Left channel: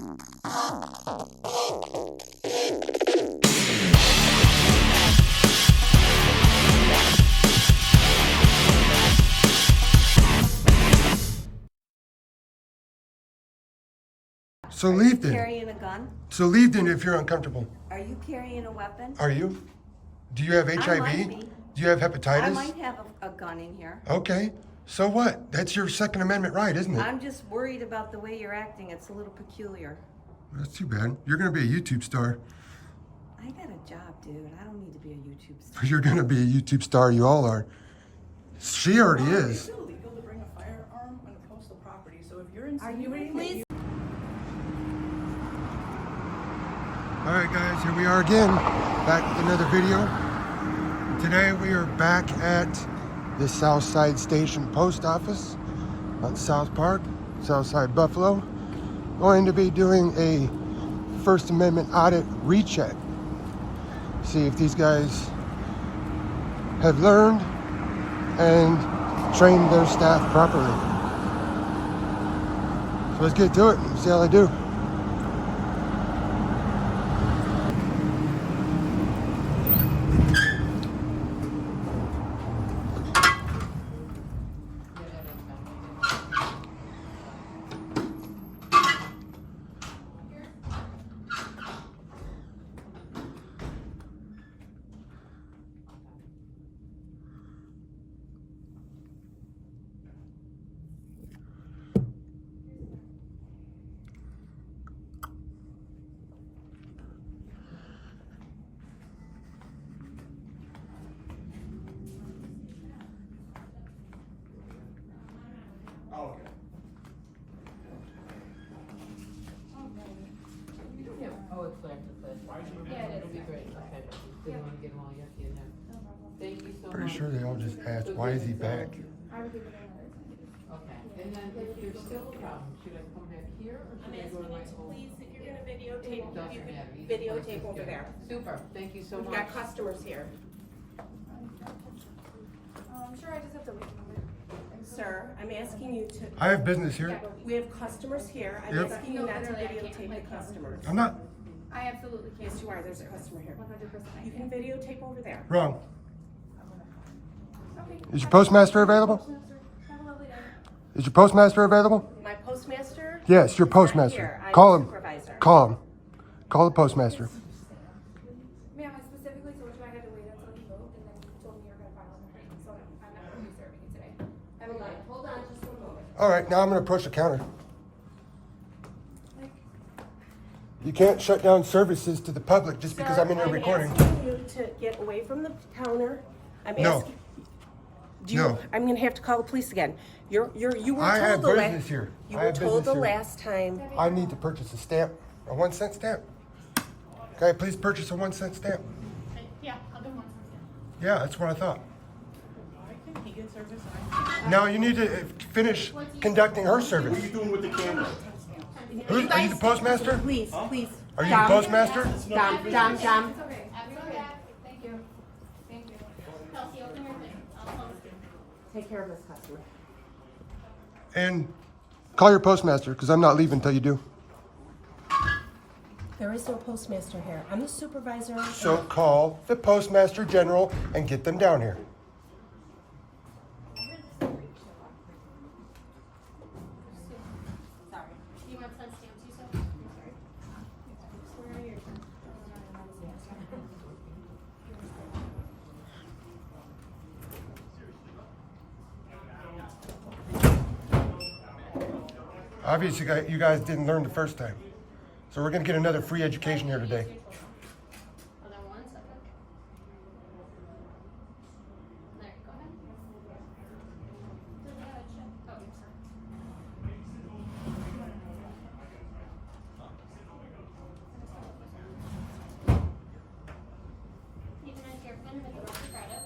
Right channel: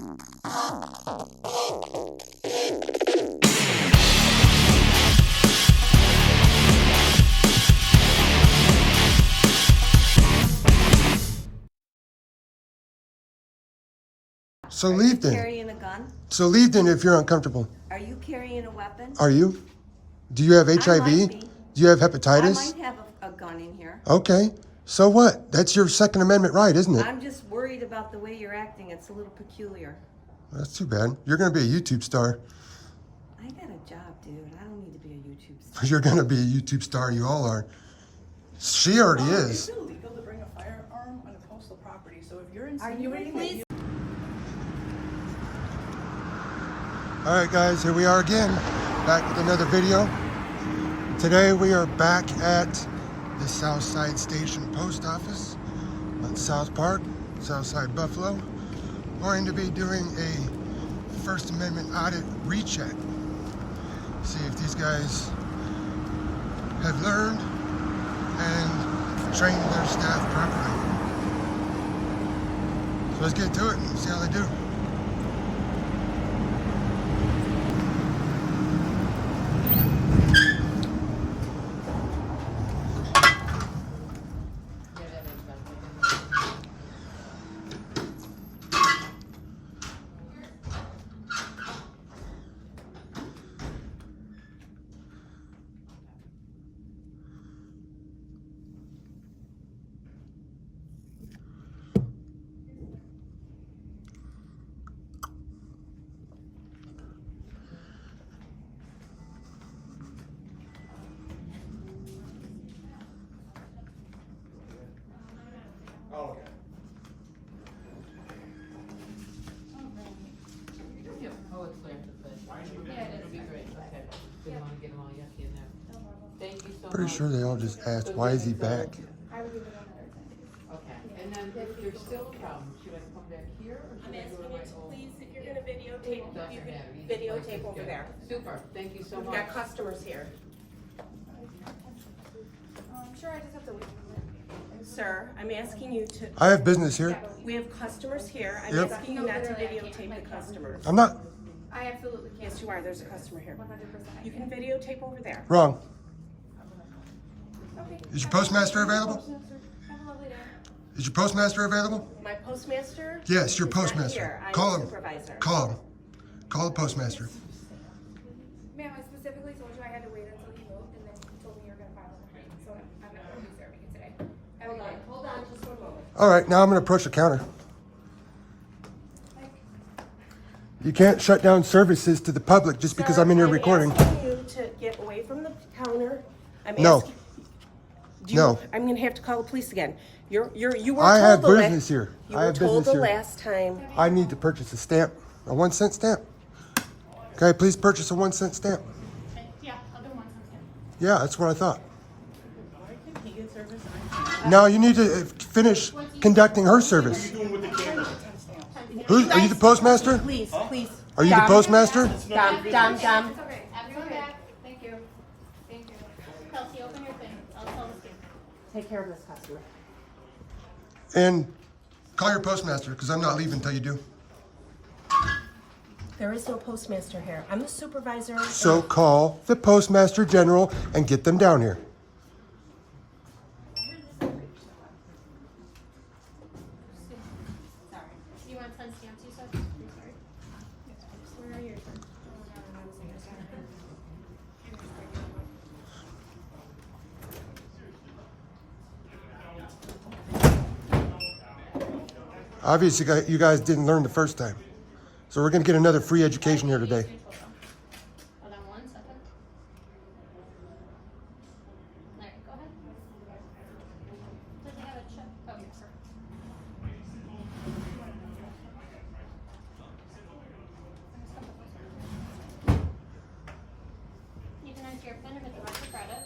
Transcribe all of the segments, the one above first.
So leave then. Carrying a gun? So leave then if you're uncomfortable. Are you carrying a weapon? Are you? Do you have HIV? I might be. Do you have hepatitis? I might have a gun in here. Okay. So what? That's your Second Amendment right, isn't it? I'm just worried about the way you're acting. It's a little peculiar. That's too bad. You're going to be a YouTube star. I got a job, dude. I don't need to be a YouTube star. You're going to be a YouTube star. You all are. She already is. It's illegal to bring a firearm on a postal property, so if you're Are you insinuating please? All right, guys, here we are again, back with another video. Today we are back at the Southside Station Post Office on South Park, Southside Buffalo. Going to be doing a First Amendment audit recheck. See if these guys have learned and trained their staff properly. So let's get to it and see how they do. Oh, okay. Oh, it's there. Yeah, it is. Be great. Okay. Didn't want to get them all yucky in there. Thank you so much. Pretty sure they all just asked, why is he back? I would give it another 10. Okay. And then if there's still a problem, should I come back here or should I go to my old? Please, if you're gonna videotape, Doesn't you matter. can Either place videotape is over good. there. Super. Thank you so We've much. got customers here. Sure, I just have to wait a minute. Sir, I'm asking you to, I have business here. we have customers here. I'm Yep. asking you No, not to literally, I can't. videotape the customers. I'm not I absolutely can't. Yes, you are. There's a customer here. 100% I You can. can videotape over there. wrong. Okay. Is your postmaster available? Have a lovely day. Is your postmaster available? My postmaster? Yes, your is not postmaster. here. I'm Call the him. Supervisor. Call him. Call the postmaster. Ma'am, I specifically told you I had to wait until you moved, and then you told me you were gonna file on the plate, so I'm not gonna be serving you today. Have a good day. Hold on just one moment. All right, now I'm going to approach the counter. You can't shut down services to the public just because Sir, I'm in your recording. I'm asking you to get away from the counter. I'm No. asking. Do you, No. I'm gonna have to call the police again. You were I told have the last. business here. You I were have told business the here. last time. I need to purchase a stamp, a 1-cent stamp. Okay, please purchase a 1-cent stamp. Yeah, I'll do 1 cent. Yeah, that's what I thought. Now you need to finish conducting her service. What are you doing with the camera? Are you the postmaster? Please, please. Are you the postmaster? Dom. It's okay. That's okay. Thank you. Thank you. Kelsey, open your thing. I'll tell the student. Take care of this customer. And call your postmaster because I'm not leaving until you do. There is no postmaster here. I'm the supervisor. So call the postmaster general and get them down here. Sorry. You want 10 stamps, you said? I'm sorry. Where are your turn? Obviously, you guys didn't learn the first time. So we're going to get another free education here today. Hold on 1 second. There, go ahead. Does it have a check? Oh, sir. You can enter your PIN with the rest of credit.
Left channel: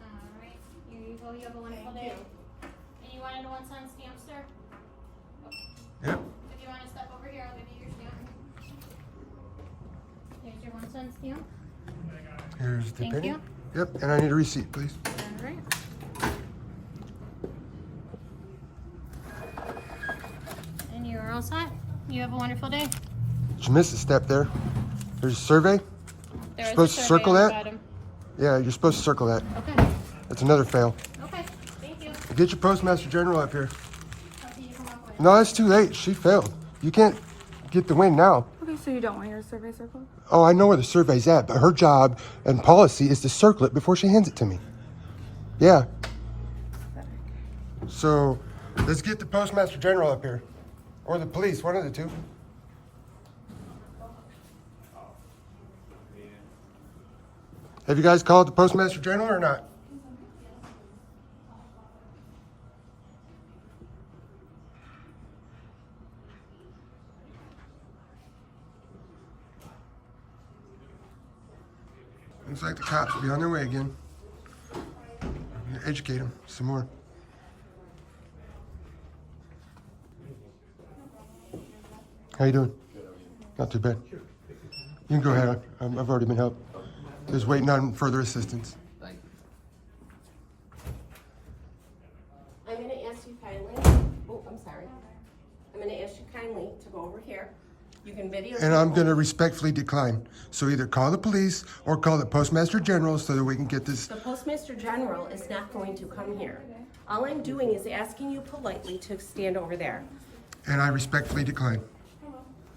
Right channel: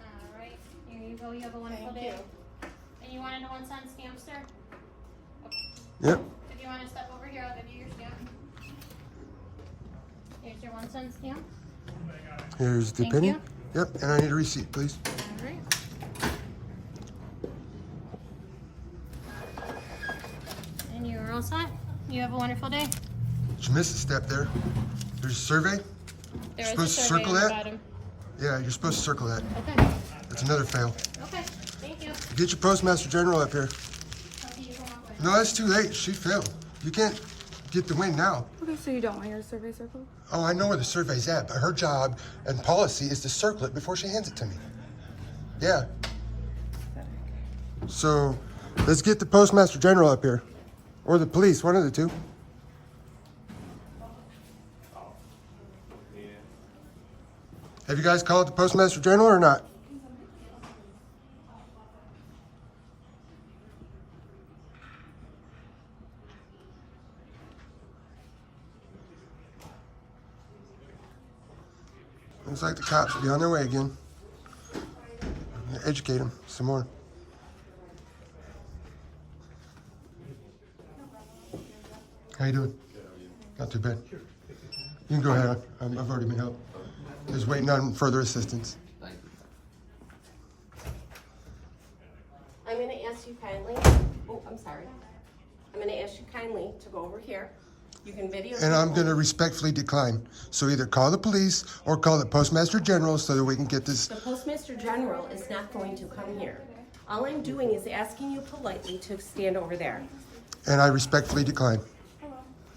All right, here you go. You have a wonderful day. you. And you want a 1 cent stamp, sir? Yep. If you want to step over here, I'll give you your stamp. Here's your 1 cent stamp. Here's the Thank penny. you. Yep, and I need a receipt, please. All right. And you're all set. You have a wonderful day. Did you miss a step there? There's a survey. There is a Supposed to survey circle on the that? bottom. Yeah, you're supposed to circle that. Okay. That's another fail. Okay. Thank you. Get your Postmaster General up here. Okay, you can walk away. No, it's too late. She failed. You can't get the win now. Okay, so you don't want your survey circled? Oh, I know where the survey's at, but her job and policy is to circle it before she hands it to me. Yeah. So let's get the Postmaster General up here. Or the police, one of the two. Have you guys called the Postmaster General or not? Looks like the cops will be on their way again. Educate them some more. How you doing? Not too bad. You can go ahead. I've already been helped. Just waiting on further assistance. I'm gonna ask you kindly, oh, I'm sorry. I'm gonna ask you kindly to go over here. You can video. And I'm going to respectfully decline. So either call the police or call the Postmaster General so that we can get this. The Postmaster General is not going to come here. All I'm doing is asking you politely to stand over there. And I respectfully decline.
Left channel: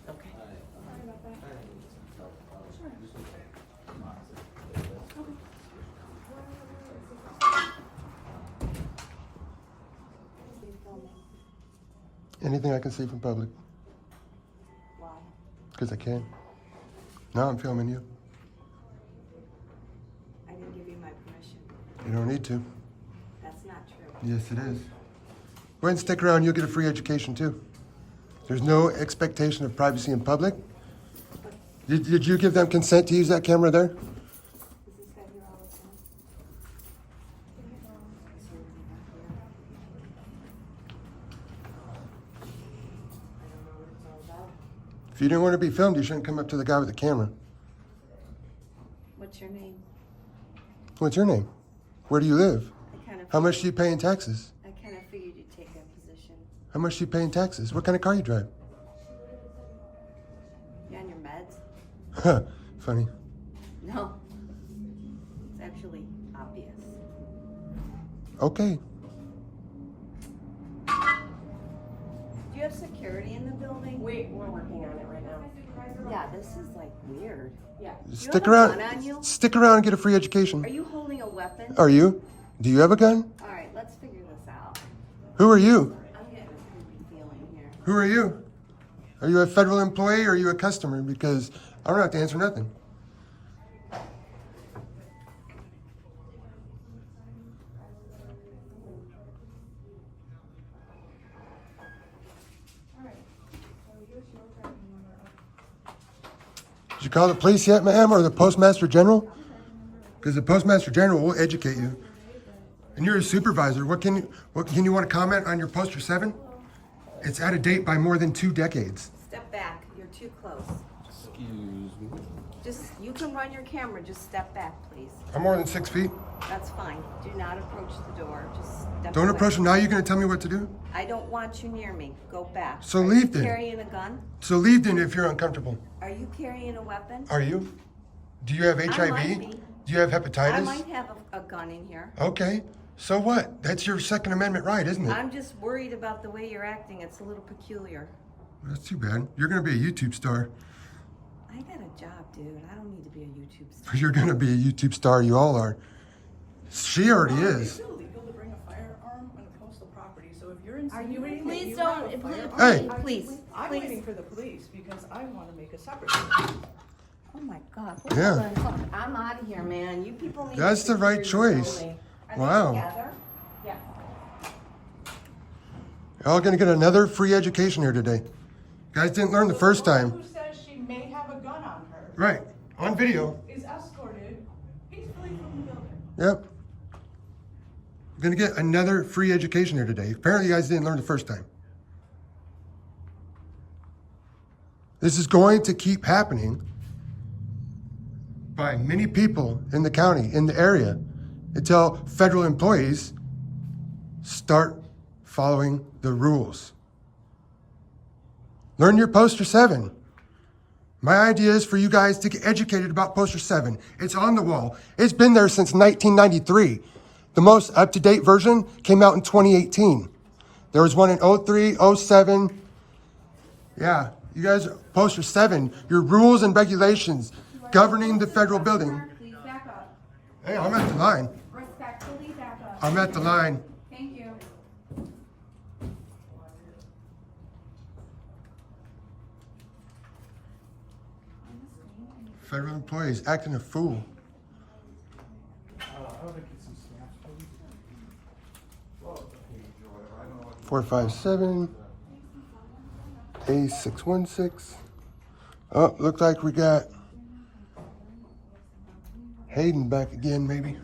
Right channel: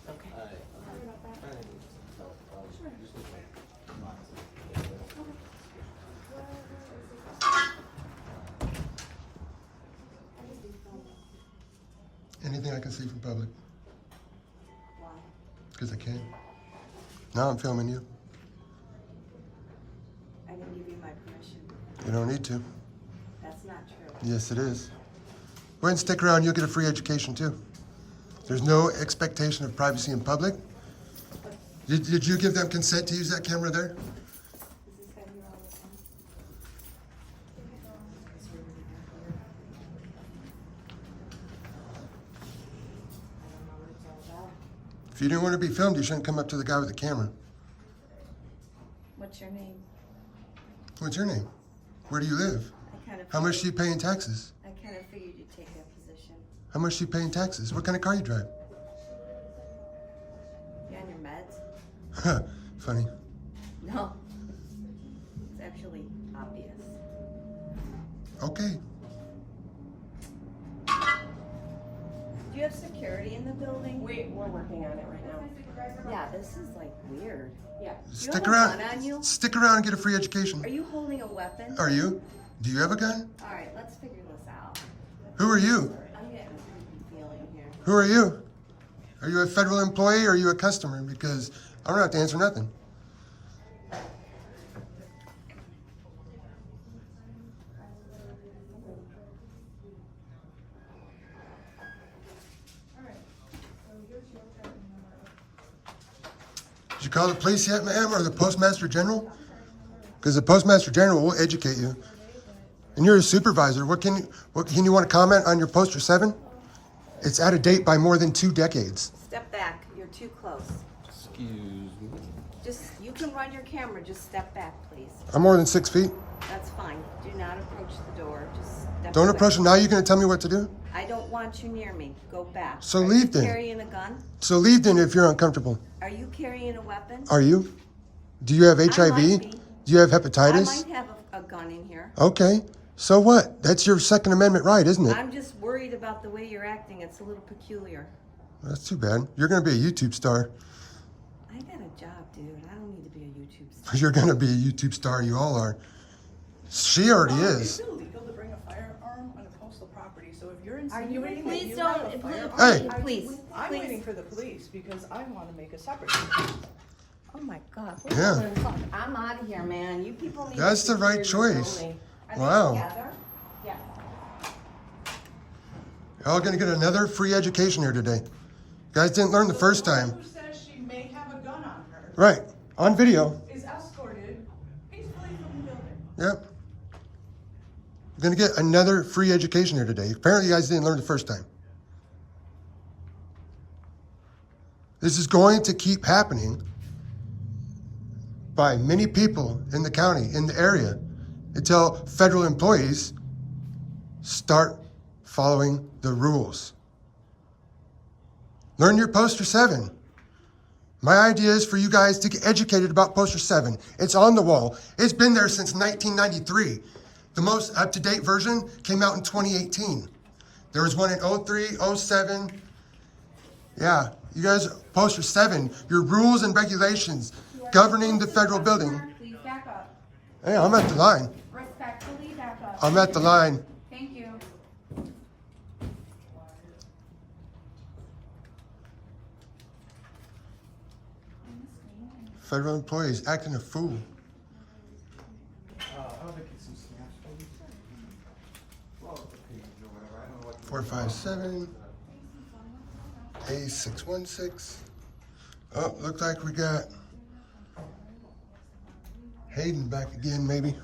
Okay. Anything I can see from public. Why? Because I can. Now I'm filming you. I didn't give you my permission. You don't need to. That's not true. Yes, it is. Go ahead and stick around. You'll get a free education, too. There's no expectation of privacy in public. Did you give them consent to use that camera there? Is this guy here all the time? Is he really not here? I don't know what it's all about. If you didn't want to be filmed, you shouldn't come up to the guy with the camera. What's your name? What's your name? Where do you live? I kind of. How much do you pay in taxes? I kind of figured you'd take that position. How much do you pay in taxes? What kind of car you drive? You on your meds? Huh, funny. No. It's actually obvious. Okay. Do you have security in the building? We're working on it right now. Yeah, this is like weird. Yeah. Do you Stick have a around. gun on you? Stick around and get a free education. Are you holding a weapon? Are you? Do you have a gun? All right, let's figure this out. Who are you? I'm getting a creepy feeling here. Who are you? Are you a federal employee or are you a customer? Because I don't have to answer nothing. Did you call the police yet, ma'am, or the Postmaster General? Because the Postmaster General will educate you. And you're a supervisor. What can you want to comment on your poster 7? It's out of date by more than 2 decades. Step back. You're too close. Excuse me. You can run your camera. Just step back, please. I'm more than 6 feet. That's fine. Do not approach the door. Just step Don't away. approach him. Now you're going to tell me what to do? I don't want you near me. Go back. So Are leave you then. carrying a gun? So leave then if you're uncomfortable. Are you carrying a weapon? Are you? Do you have HIV? might be. Do you have I hepatitis? might have a gun in here. Okay. So what? That's your Second Amendment right, isn't it? I'm just worried about the way you're acting. It's a little peculiar. That's too bad. You're going to be a YouTube star. I got a job, dude. I don't need to be a YouTube star. You're going to be a YouTube star. You all are. She already is. It's illegal to bring a firearm on a postal property, so if you're insinuating that Please you have don't. a firearm, Hey. Please. I'm Please. waiting for the police because I want to make a separate complaint. Oh my God. Yeah. Fuck. I'm out of here, man. You people need That's to the right secure your choice. building. Are Wow. they together? Yeah. You're all going to get another free education here today. You guys didn't learn the first time. Who says she may have a gun on her Right. On video. is escorted peacefully from the building. Yep. You're gonna get another free education here today. Apparently you guys didn't learn the first time. This is going to keep happening by many people in the county, in the area, until federal employees start following the rules. Learn your Poster 7. My idea is for you guys to get educated about Poster 7. It's on the wall. It's been there since 1993. The most up-to-date version came out in 2018. There was one in 03, 07. Yeah, you guys, Poster 7, your rules and regulations governing the federal building. Please back up. Hey, I'm at the line. Respectfully back up. I'm at the line. Thank you. Federal employees acting a fool. 457 A616. Oh, looks like we got Hayden back again, maybe.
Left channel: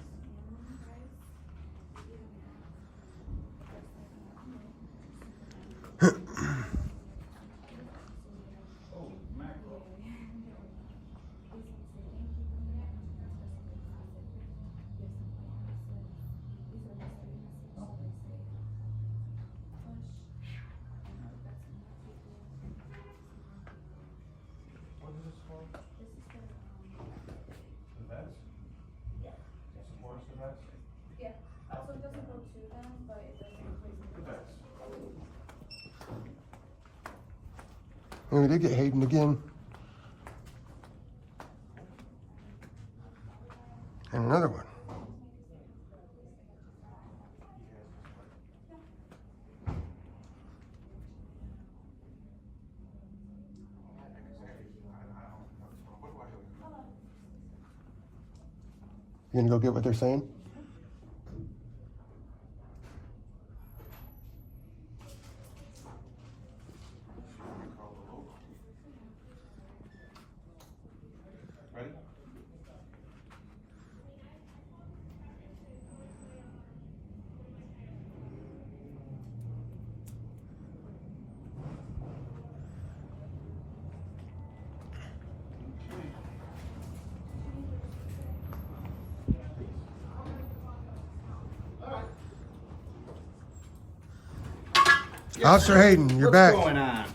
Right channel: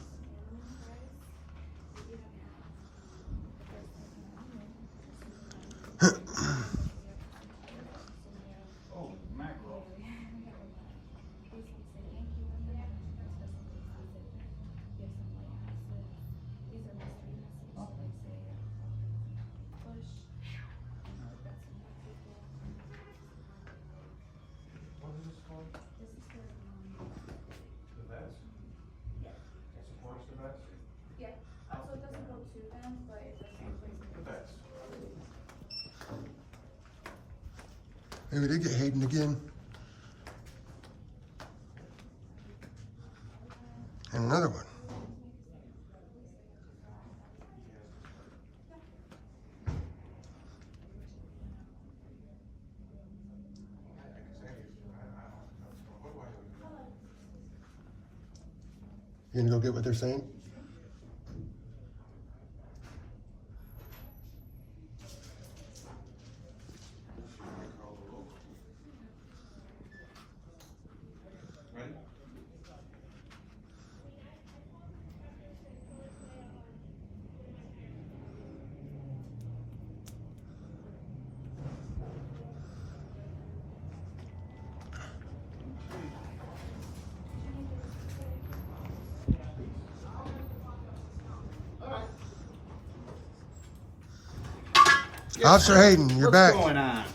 Yeah. Also, it doesn't go to them, but it does. And we did get Hayden again. And another one. You gonna go get what they're saying? Officer Hayden, you're back. What's going on?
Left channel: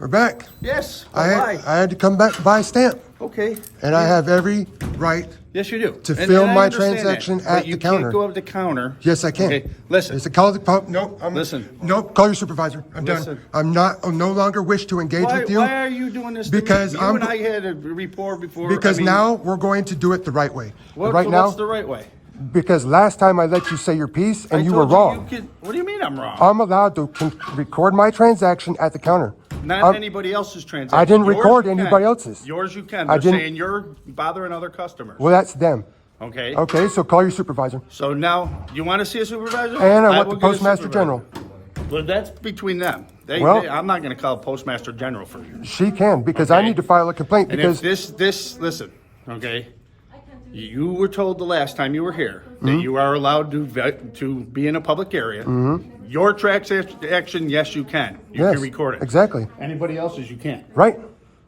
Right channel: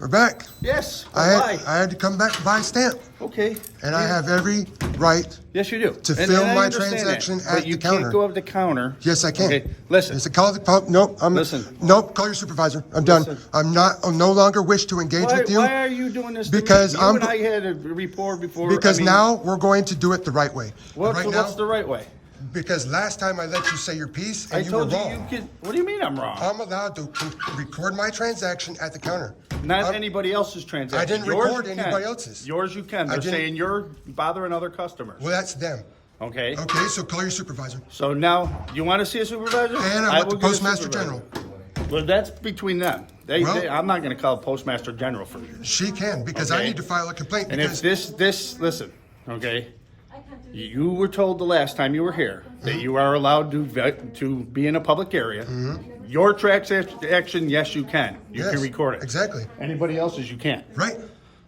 We're back. Yes. I had to come back to buy a stamp, Okay. and I have every right. Yes, you do. To And fill I my understand transaction that, at but you the counter. can't go up the counter. Yes, I can. Okay, listen. It's a call. Nope. Listen. Nope. Call your supervisor. I'm Listen. done. I'm no longer wish to engage with you. Why are you doing this? Because to me? I'm- You and I had a rapport before. Because I mean, now we're going to do it the right way. Right now, what's the right way? because last time I let you say your piece I and you were told wrong. you could. What do you mean I'm wrong? I'm allowed to record my transaction at the counter. Not anybody else's transaction. I didn't Yours record you can. anybody else's. Yours you can. I They're didn't- saying you're bothering other customers. Well, that's them. Okay. Okay, so call your supervisor. So now you want to see a supervisor? And I want will the get a Postmaster supervisor. General. Well, that's between them. Well- I'm not going to call a Postmaster General for you. She can, because I Okay. need to file a complaint. And Because if this, listen, okay? You were told the last time you were here that you are allowed to be in a public area. Your transaction, yes, you can. You Yes, can record it. exactly. Anybody else's, you can't. right,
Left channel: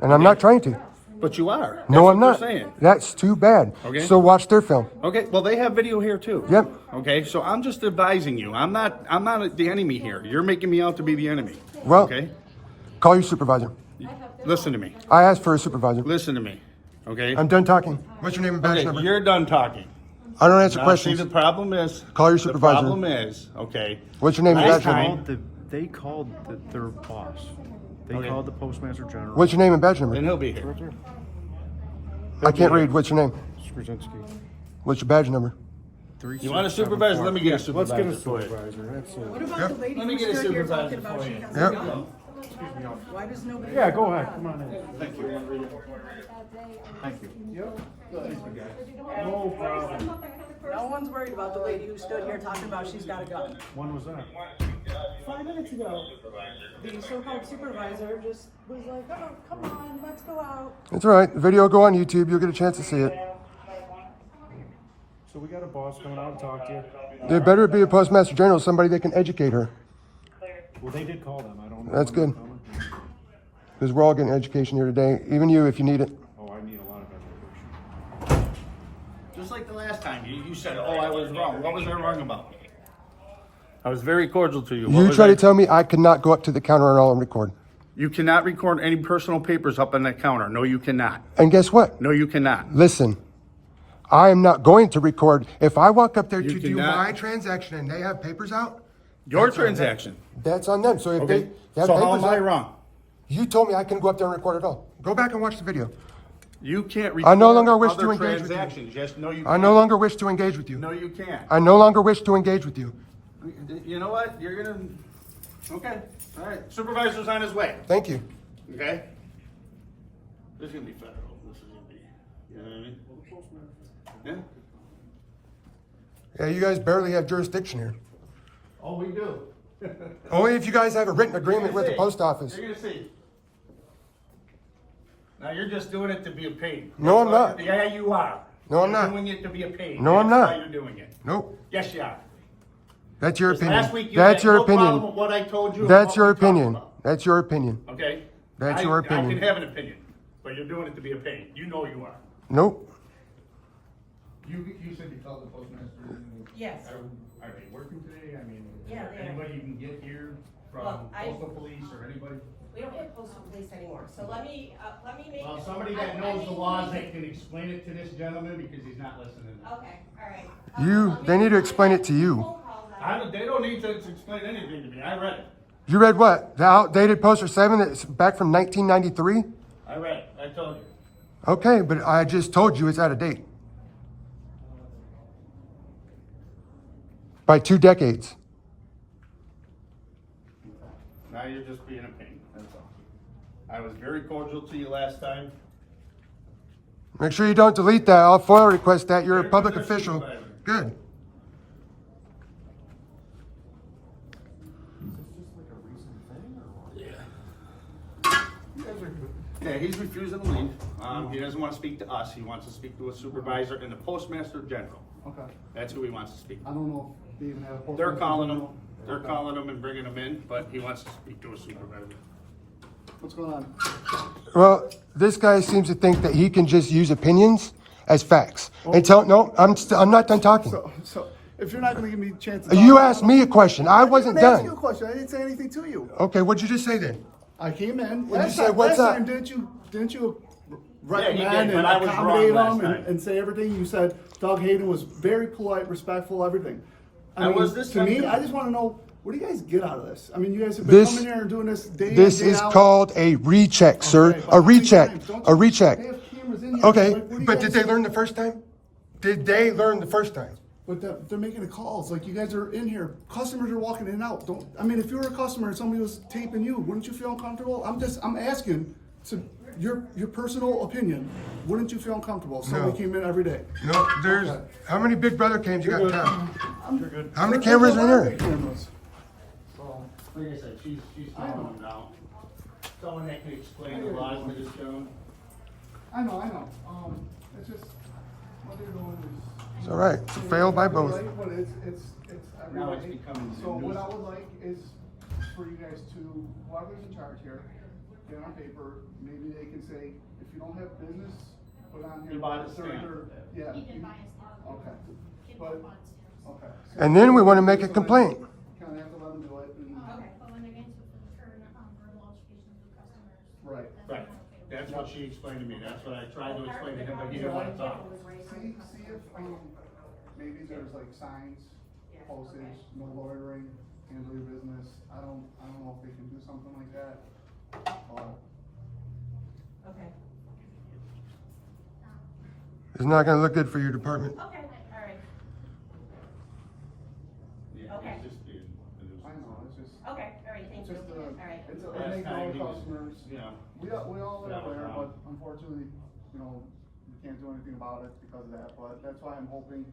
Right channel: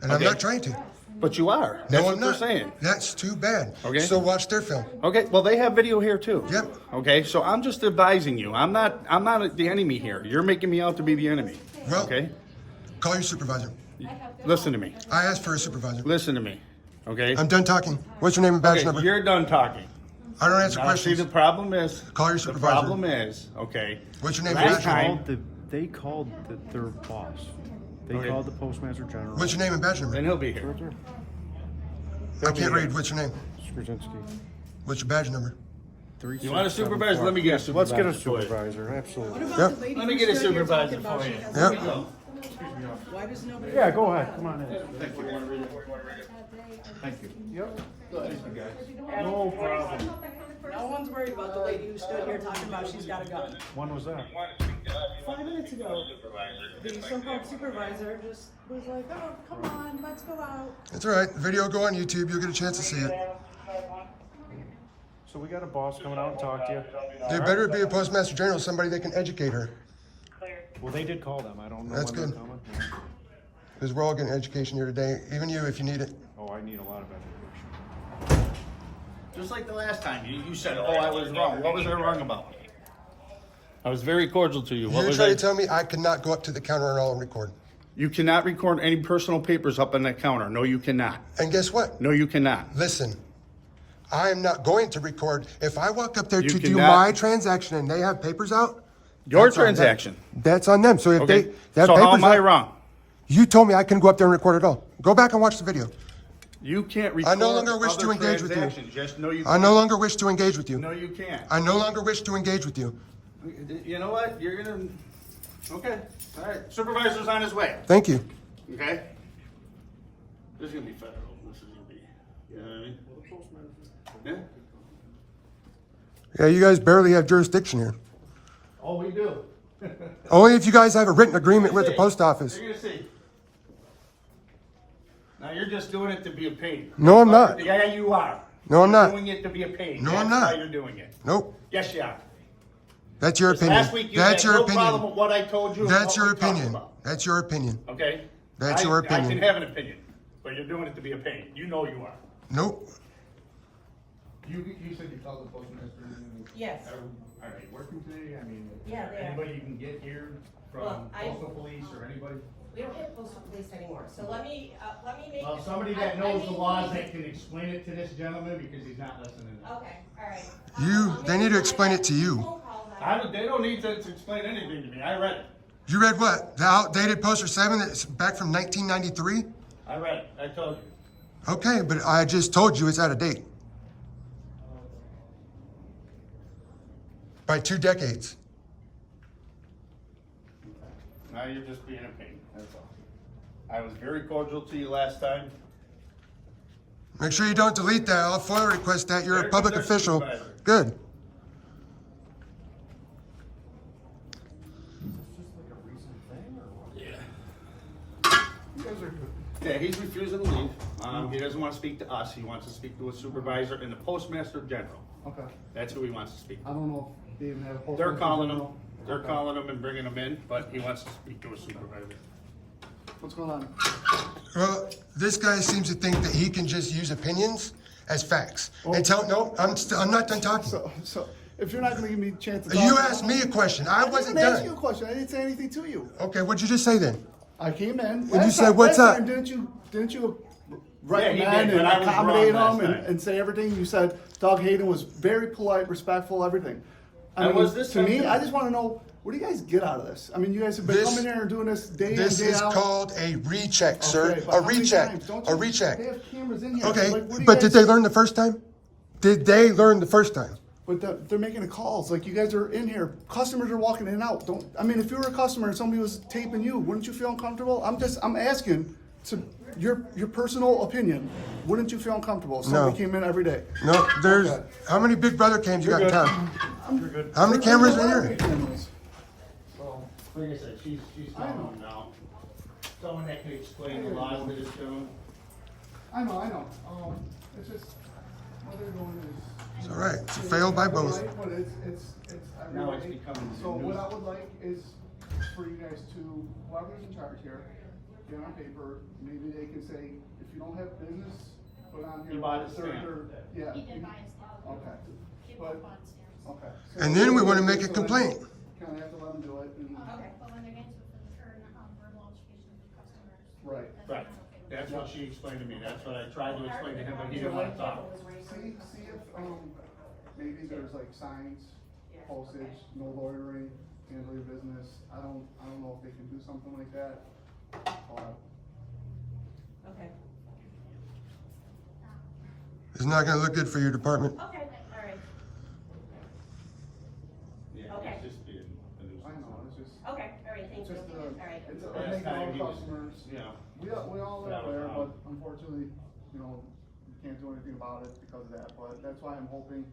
and I'm Okay. not trying to. But you are. That's No, what I'm not. They're saying. That's too bad. Okay. So watch their film. Okay, well, they have video here too. Yep. Okay, so I'm just advising you. I'm not the enemy here. You're making me out to be the enemy. Well- Okay? Call your supervisor. Listen to me. I asked for a supervisor. Listen to me. Okay? I'm done talking. What's your name and badge Okay, number? you're done talking. I don't answer Now, questions. see, the problem is... Call your supervisor. The problem is, okay... What's your name and badge last number? time- They called their boss. They called the Postmaster General. What's your name and badge number? Then he'll be here. Right there. I can't read. What's your name? Skrzyncki. What's your badge number? You want a supervisor? Let me get a supervisor. Let's get a for you. supervisor, absolutely. What about Yep. the lady Let me who get a stood here supervisor talking about for she you. has Yep. a job? Why does nobody? Yeah, go ahead, come on in. Thank you. Yep. No problem. No one's worried about the lady who stood here talking about she's got a gun. When was that? 5 minutes ago, the so-called supervisor just was like, "Oh, come on, let's go out." It's all right. The video will go on YouTube. You'll get a chance to see it. So we got a boss coming out and talk to you. There better be a postmaster general, somebody that can educate her. Well, they did call them. I don't know. That's when good. they're coming. Because we're all getting education here today. Even you, if you need it. Oh, I need a lot of education. Just like the last time, you said, oh, I was wrong. What was I wrong about? I was very cordial to you. What You was try I- to tell me I could not go up to the counter and all and record. You cannot record any personal papers up on that counter. No, you cannot. And guess what? No, you cannot. Listen, I am not going to record. If I walk up there You to do cannot- my transaction and they have papers out, Your that's on them. transaction. That's on them. So if Okay. they have So how papers am I out- wrong? You told me I couldn't go up there and record at all. Go back and watch the video. You can't record I no longer wish other to engage with you. transactions. Yes, no, you I can't. no longer wish to engage with you. No, you can't. I no longer wish to engage with you. You know what? You're gonna. Okay. All right. Supervisor's on his way. Thank you. Okay. This is gonna be federal. This is gonna be. You know what I mean? Yeah. Yeah, you guys barely have jurisdiction here. Oh, we do. Only if you guys have a written agreement with the See. post office. You're gonna see. Now you're just doing it to be a pain. No, I'm That's why- not. Yeah, you are. No, I'm You're not. doing it to be a pain. No, I'm That's not. why you're doing it. Nope. Yes, you are. That's your opinion. Last week you That's had your no problem opinion. with what I told you. and That's what your we talked opinion. about. That's your opinion. Okay. That's your I opinion. can have an opinion, but you're doing it to be a pain. You know you are. Nope. You said you called the postmaster. Yes. Are they working today? I mean, is Yeah, there they are. anybody you can get here from Well, postal police or anybody? We don't have postal police anymore, so let me make. Well, somebody that knows the laws that can explain it to this gentleman because he's not listening. Okay, all right. They need to explain it to you. They don't need to explain anything to me. I read it. You read what? The outdated poster 7 that's back from 1993? I read it. I told you. Okay, but I just told you it's out of date. By 2 decades. Now you're just being a pain. That's all. I was very cordial to you last time. Make sure you don't delete that. I'll FOIA request that. You're a There's public your official. supervisor. Good. Yeah, he's refusing to leave. He doesn't want to speak to us. He wants to speak to a supervisor and the postmaster general. Okay. That's who he wants to speak to. I don't know if they even have a post. They're calling him. They're calling him and bringing him in, but he wants to speak to a supervisor. What's going on? Well, this guy seems to think that he can just use opinions as facts. And no, I'm not done talking. So if you're not going to give me a chance to talk, You asked me a question. I I wasn't didn't ask you a done. question. I didn't say anything to you. Okay, what'd you just say then? I came in you last said, time. "What's Last up?" time, didn't you Yeah, he recommend did, but and I was wrong accommodate last him time. and say everything? You said Doug Hayden was very polite, respectful, everything. And was this to time me? too? I just want to know, what do you guys get out of this? I mean, you guys have been This- coming here and doing this day This in, day is out. called a recheck, sir. Okay, but A how many recheck. times? Don't A you- recheck. They have cameras in here. Okay, Like, what do you but guys did they do? learn the first time? Did they learn the first time? But they're making the calls. Like, you guys are in here. Customers are walking in and out. I mean, if you were a customer and somebody was taping you, wouldn't you feel uncomfortable? I'm asking to your personal opinion. Wouldn't you feel uncomfortable if somebody No. came in every day? No, there's, Okay. how many Big Brother cams you got in good. town? You're good. How many cameras are in here? Cameras. Like I said, she's calling him now. Someone that can explain the laws to this gentleman. I know. It's just what they're doing is. It's all right. It's a fail by both. Right, but it's every Now it's day. becoming So what I nuisance. would like is for you guys to, whoever's in charge here, get on paper, maybe they can say, if you don't have business, put on here. You bought a third- stamp. third- Yeah. He did buy a stamp. Okay. He But, bought stamps. okay. And then we wanna make a complaint. Kinda have to let them do it and, Okay, but when they're getting to return, verbal education to customers. right. Right. That's what she explained to me. That's what I tried to explain to him, but he didn't want to talk. See if, maybe there's like signs, postage, no loitering, handle your business. I don't know if they can do something like that. Okay, It's not gonna look good for your department. okay, all right, Yeah, Okay. it's just being a nuisance. I know, it's just, okay, all right, thank it's you, just, all right. it's, Last it makes time our he was- customers, Yeah. we all are That was aware, but wrong. unfortunately, we can't do anything about it because of that, but that's why I'm hoping,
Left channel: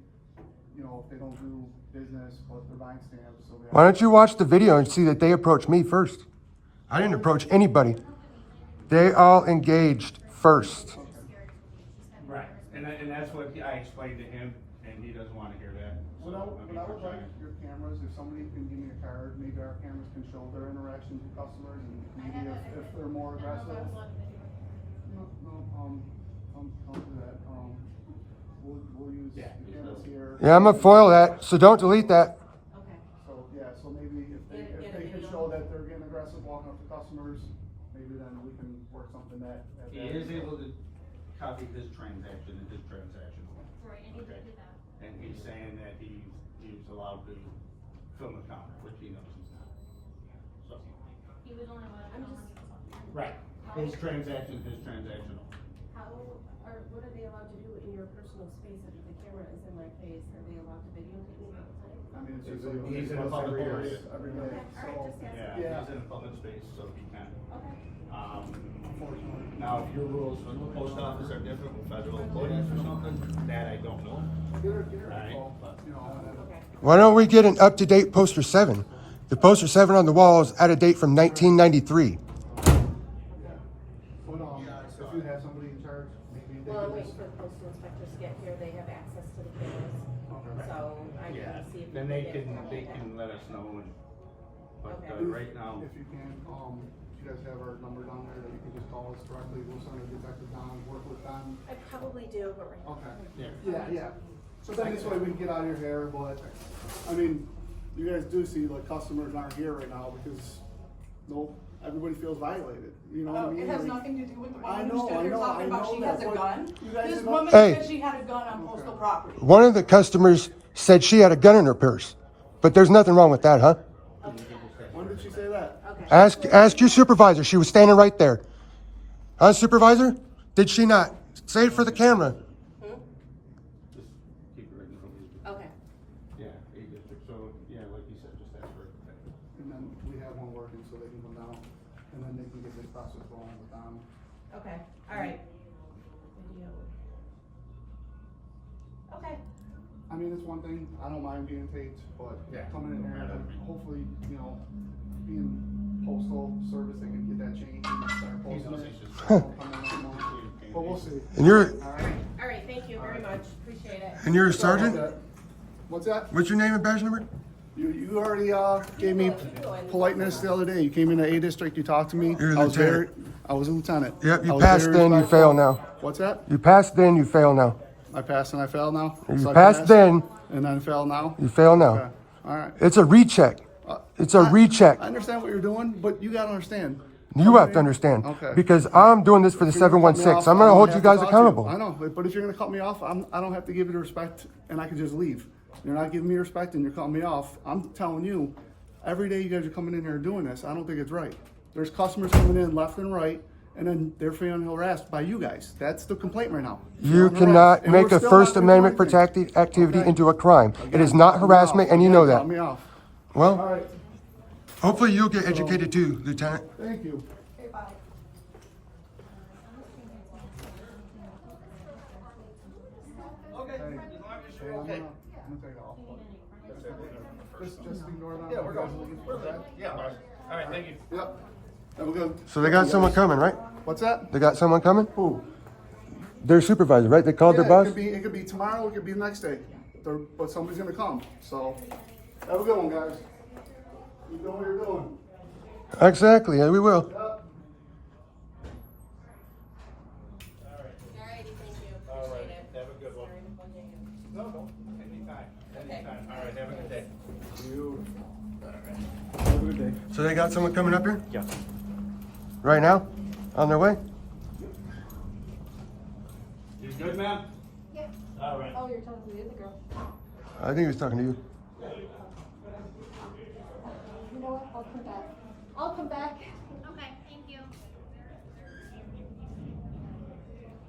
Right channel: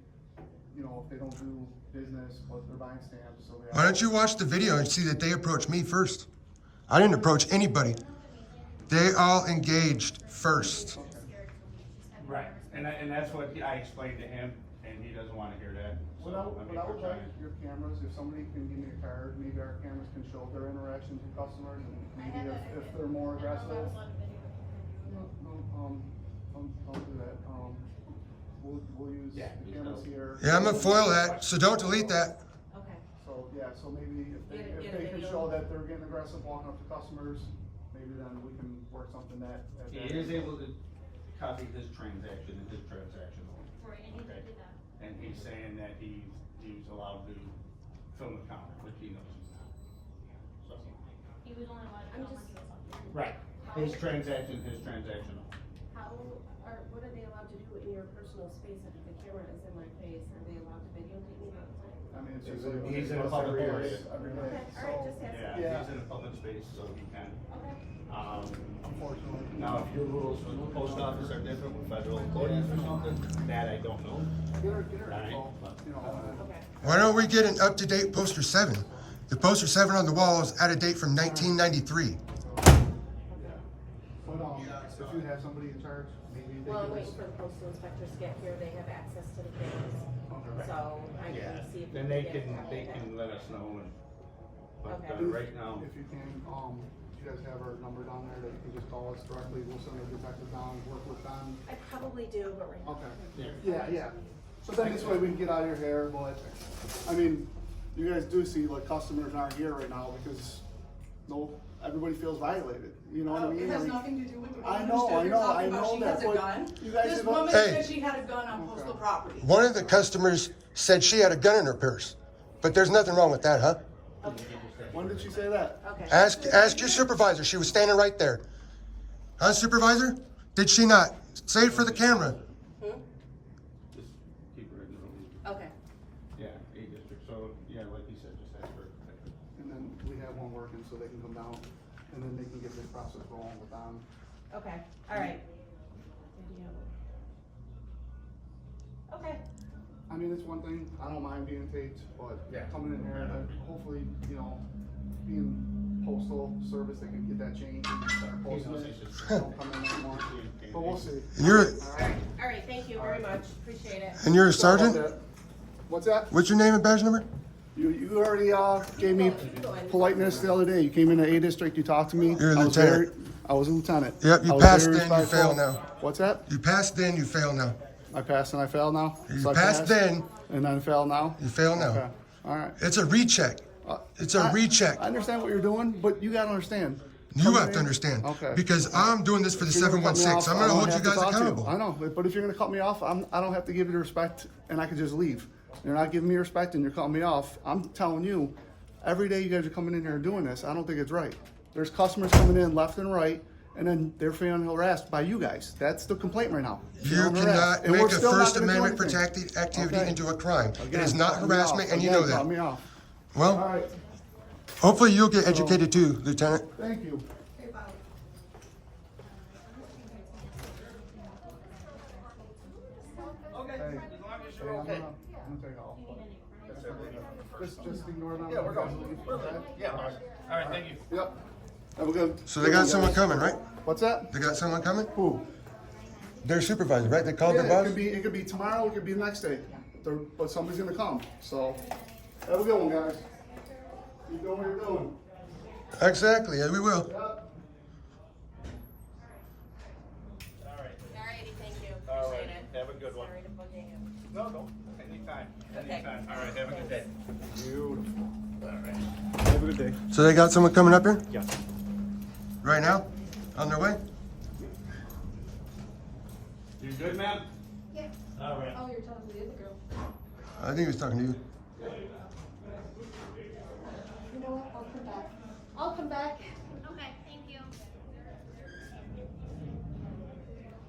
if they don't do business, but they're buying stamps, so they. Why don't you watch the video and see that they approached me first? I didn't approach anybody. They all engaged first. Right, and that's what I explained to him, and and he doesn't wanna hear that. What I would like your cameras, if somebody can give me a card, maybe our cameras can show their interactions with customers and maybe if they're more aggressive. No, don't do that. We'll use the cameras here. Yeah, I'm gonna foil that, so don't delete that. Okay. So, yeah, so maybe if they can show that they're getting aggressive walking up to customers, maybe then we can work something that. He is able to copy his transaction and his transactional. Right, and he Okay. did that. And he's saying that he was allowed to film a counter, which he knows he's not. So, He was only allowed to I'm film when just- he was up there. right, his transactional. What are they allowed to do in your personal space if the camera is in my face? Are they allowed to videotape me outside? I mean, it's He's usually. in a public area. Every day, Okay, all right, just so, asking. Yeah, he's in a public space, so he can. Okay. unfortunately. Now, if your rules for the post office are different with federal employees or something, that I don't know. Get her Right. call, you know, Okay. Why don't we get an up-to-date poster 7? The poster 7 on the wall is out of date from 1993. yeah. But, if you have somebody in charge, maybe they Well, I'm could waiting just. for the postal inspectors to get here. They have access to the cameras. Okay. So I Yeah, can see if. then we they get can, it. they can let us know and, but, Okay. right now, If you can, you guys have our number down there that you can just call us directly, we'll send a detective down, work with them. I probably do, but right now. Okay. yeah. Yeah. So then this way we can get out of your hair, but, I mean, you guys do see like customers aren't here right now because, everybody feels violated, you know what I mean? It has I mean, nothing to do with the I woman know, who's talking about she that, has a but gun. you guys This have- woman Hey. said she had a gun on postal property. One of the customers said she had a gun in her purse, but there's nothing wrong with that, huh? When did she say that? Okay. Ask your supervisor. She was standing right there. Huh, supervisor? Did she not? Say it for the camera. Hmm? Just keep it written. Okay. Yeah, A district, so, yeah, like you said, just ask for it. And then we have one working so they can come down and then they can get this process going with them. Okay. All right. Video. Okay. I mean, it's one thing, I don't mind being taped, but Yeah. coming in there and hopefully, being postal service, they can get that changed and start posting knows it. he's just- Don't come in anymore. But we'll see. And you're All right. Thank you very much. Appreciate it. and you're a sergeant. What's that? What's your name and badge number? You already gave me politeness the other day. You came into A district, you talked to me. You're a I was lieutenant. I was a lieutenant. Yep, you I was passed very then, you respectful. fail now. What's that? You passed then, you fail now. I passed and I failed now? You So I passed then, and then fail now? you fail now. Okay, all right. It's a recheck. It's a recheck. I understand what you're doing, but you gotta understand. You have to understand. Okay. Because I'm doing this for the If you're gonna cut me 716. off, I'm I going to don't hold have you to guys talk to accountable. I know, but if you're gonna cut me off, I don't have to give you the respect and I can just leave. You're not giving me respect and you're cutting me off. I'm telling you, every day you guys are coming in here and doing this, I don't think it's right. There's customers coming in left and right, and then they're feeling harassed by you guys. That's the complaint right now. You Feeling harassed. cannot And make we're a still not First gonna do Amendment anything. protected activity Okay. into a crime. It Again, is not cut me harassment, off. and you Again, know cut that. me off. All Well, right, hopefully you'll get educated too, Lieutenant. thank you. Okay, Hey, as long as hey, you're okay. I'm gonna take off. Just ignore them. Yeah, we're You guys going. looking for We're good. that? Yeah, all right, thank you. Yep. Have a good. So they got someone coming, right? What's that? They got someone coming? Who? Their supervisor, right? They called Yeah, their boss? it could be tomorrow, it could be the next day. But somebody's gonna come, so. Have a good one, guys. Keep doing what you're doing. Exactly, yeah, we will. Yep. Alrighty, thank you. All right, Appreciate it. have a good one. Sorry to bug you. No, no, anytime, anytime. All right, have a good day. Beautiful. Have a good day. So they got someone coming up here? Yes. Right now? On their way? You good, ma'am? Yeah. All right. Oh, you're talking to the other girl. I think he was talking to you. You know what? I'll come back. I'll come back. Okay, thank you.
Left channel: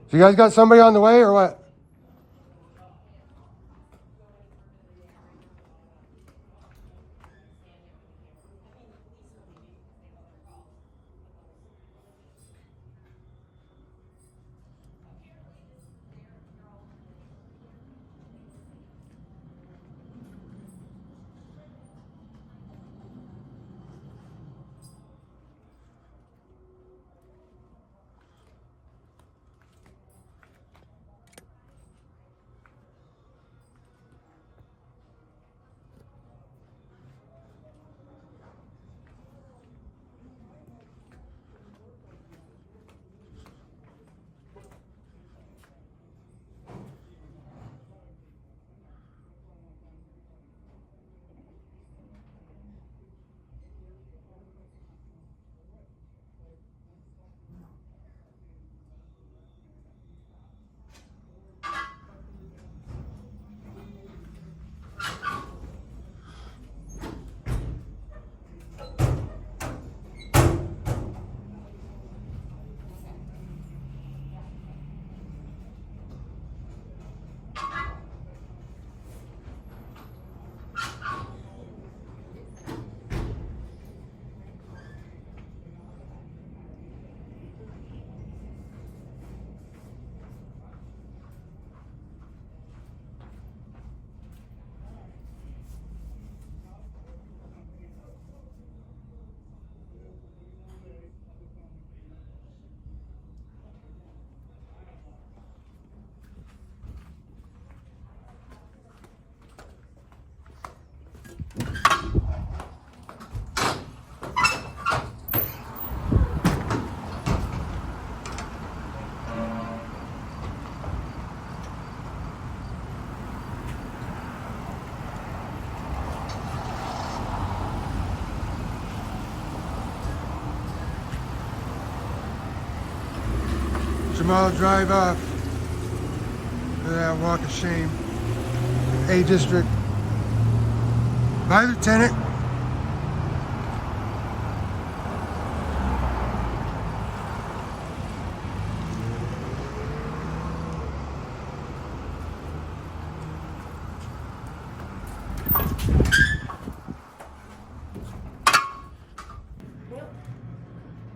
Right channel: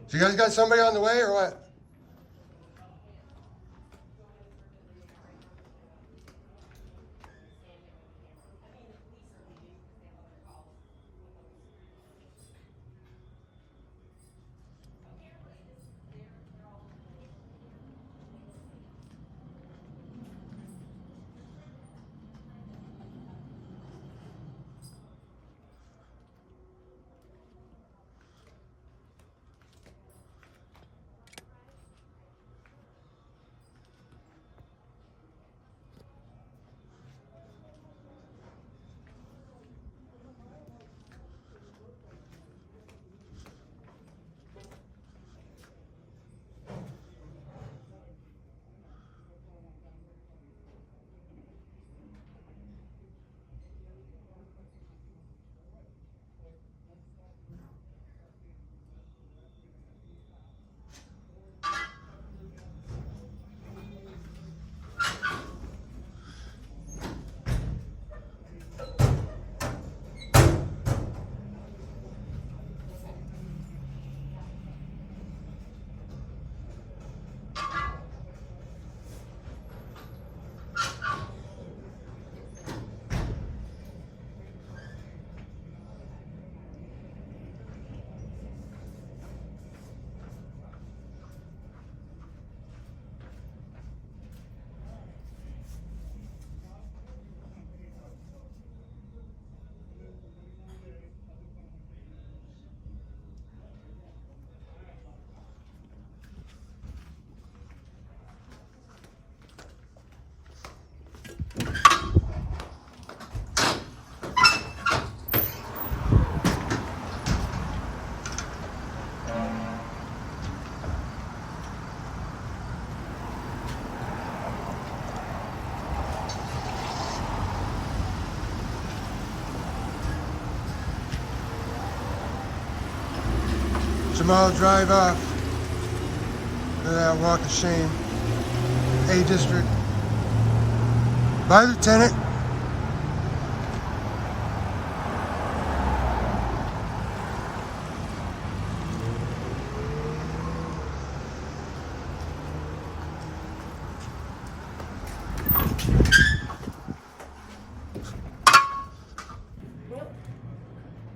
So you guys got somebody on the way or what? Jamal drive off. Look at that walk of shame. A district. Bye, Lieutenant.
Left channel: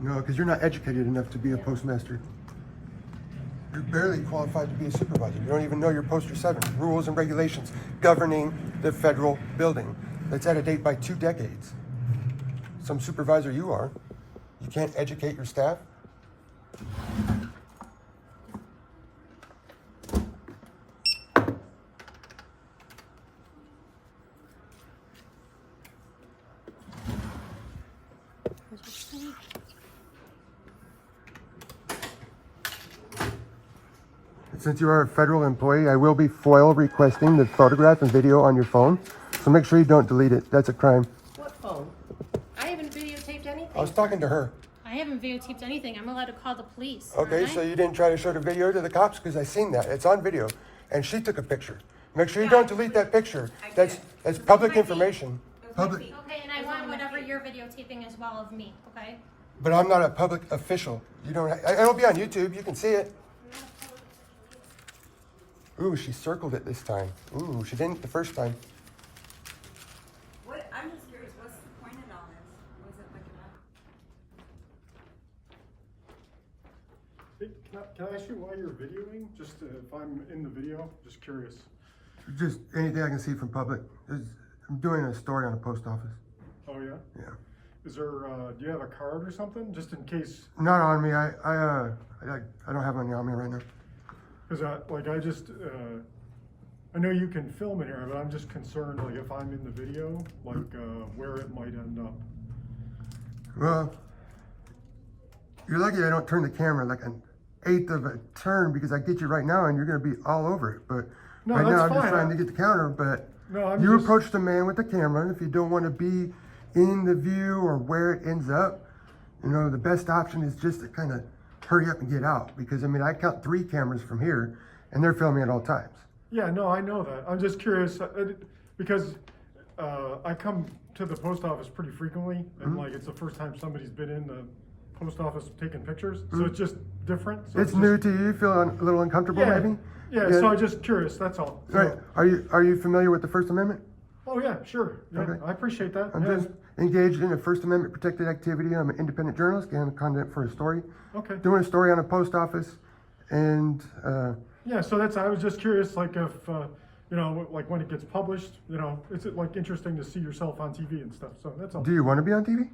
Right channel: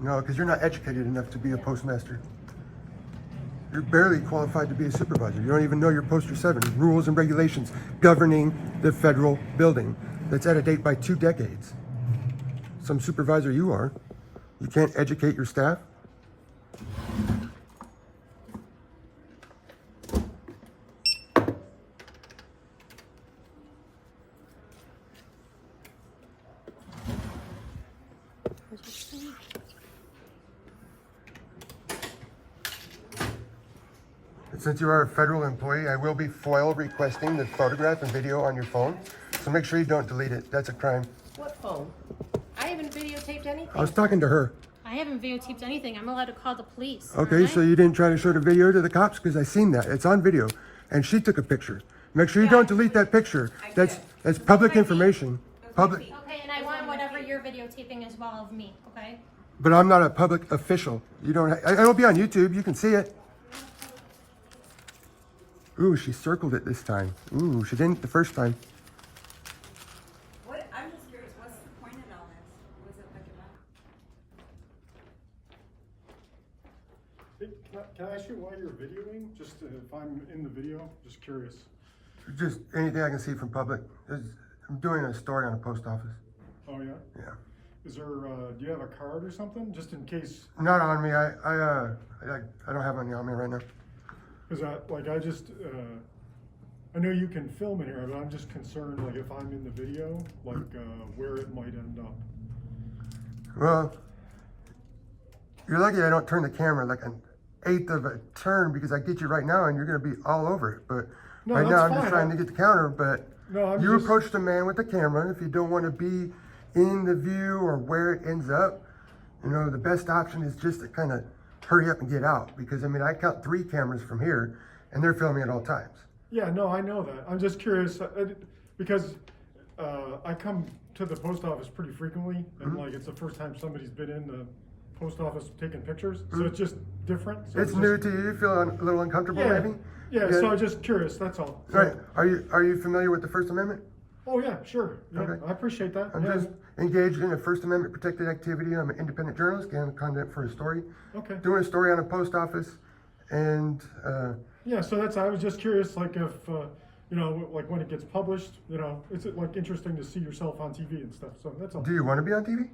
No, because you're not educated enough to be a postmaster. You're barely qualified to be a supervisor. You don't even know your Poster 7, rules and regulations governing the federal building. That's out of date by 2 decades. Some supervisor you are. You can't educate your staff? Since you are a federal employee, I will be FOIL requesting the photograph and video on your phone. So make sure you don't delete it. That's a crime. What phone? I haven't videotaped anything. I was talking to her. I haven't videotaped anything. I'm allowed to call the police. Okay, aren't I? so you didn't try to show the video to the cops? Because I seen that. It's on video. And she took a picture. Make sure you don't delete that picture. That's public information. Public. Okay, and I want whatever you're videotaping as well of me, okay? But I'm not a public official. You don't. It'll be on YouTube. You can see it. Ooh, she circled it this time. Ooh, she didn't the first time. What, I'm just curious, what's the point of all this? Was it like about? Can I ask you why you're videoing? Just if I'm in the video, just curious. Just anything I can see from public. I'm doing a story on a post office. Oh yeah? Yeah. Is there, do you have a card or something? Just in case, Not on me. I don't have any on me right now. because I know you can film in here, but I'm just concerned, like if I'm in the video, like where it might end up. Well, you're lucky I don't turn the camera like an 1/8 of a turn because I get you right now and you're going to be all over it. But No, right now that's I'm just fine. trying to get the counter. But No, I'm you just- approached a man with the camera. And if you don't want to be in the view or where it ends up, you know, the best option is just to kind of hurry up and get out. Because I mean, I count 3 cameras from here and they're filming at all times. Yeah, no, I know that. I'm just curious because I come to the post office pretty frequently, and like it's the first time somebody's been in the post office taking pictures, so it's just different. So It's new to you. You feel a little uncomfortable, Yeah, maybe? yeah. So I'm just curious. That's all. So, Right. Are you familiar with the First Amendment? Oh yeah, sure. Yeah, Okay. I appreciate that. I'm yeah. just engaged in a First Amendment protected activity. I'm an independent journalist, getting content for a story. Okay. Doing a story on a post office, and Yeah. So I was just curious, like if you know, like when it gets published, you know, it's like interesting to see yourself on TV and stuff. So that's all. do you want to be on TV?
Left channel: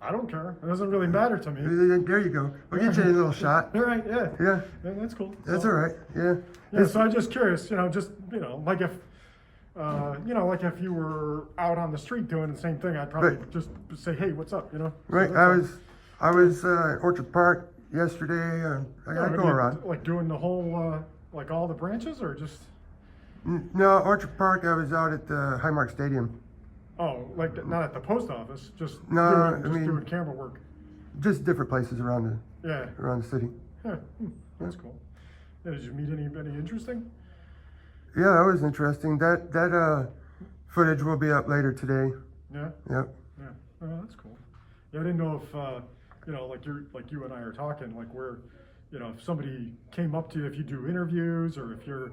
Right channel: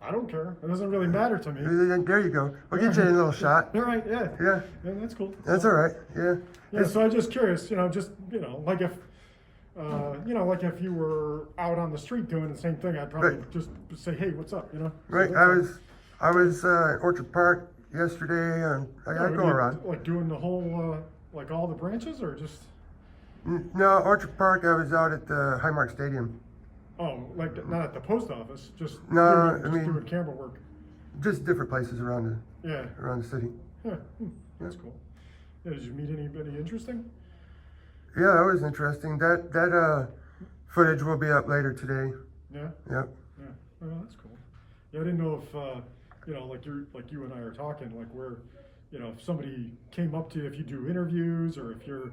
I don't care. It doesn't really matter to me. There you go. We'll get you a little shot. All right. Yeah. Yeah, Yeah, that's cool. that's So- all right. Yeah. Yeah, so I'm just curious, you know, like if, you know, like if you were out on the street doing the same thing, I'd probably Right. just say, hey, what's up, you know? So Right. that's I was at Orchard Park yesterday. I all. go around. Like doing the whole, like all the branches or just, No, Orchard Park. I was out at the Highmark Stadium. oh, like not at the post office, just, No, doing, I mean- doing camera work. Just different places around Yeah, the city. yeah, that's cool. Yeah, did you meet anybody interesting? Yeah, that was interesting. That footage will be up later today. Yeah, Yep. yeah, oh, that's cool. Yeah, I didn't know if, you know, like you and I are talking, like where, you know, if somebody came up to you, if you do interviews or if you're,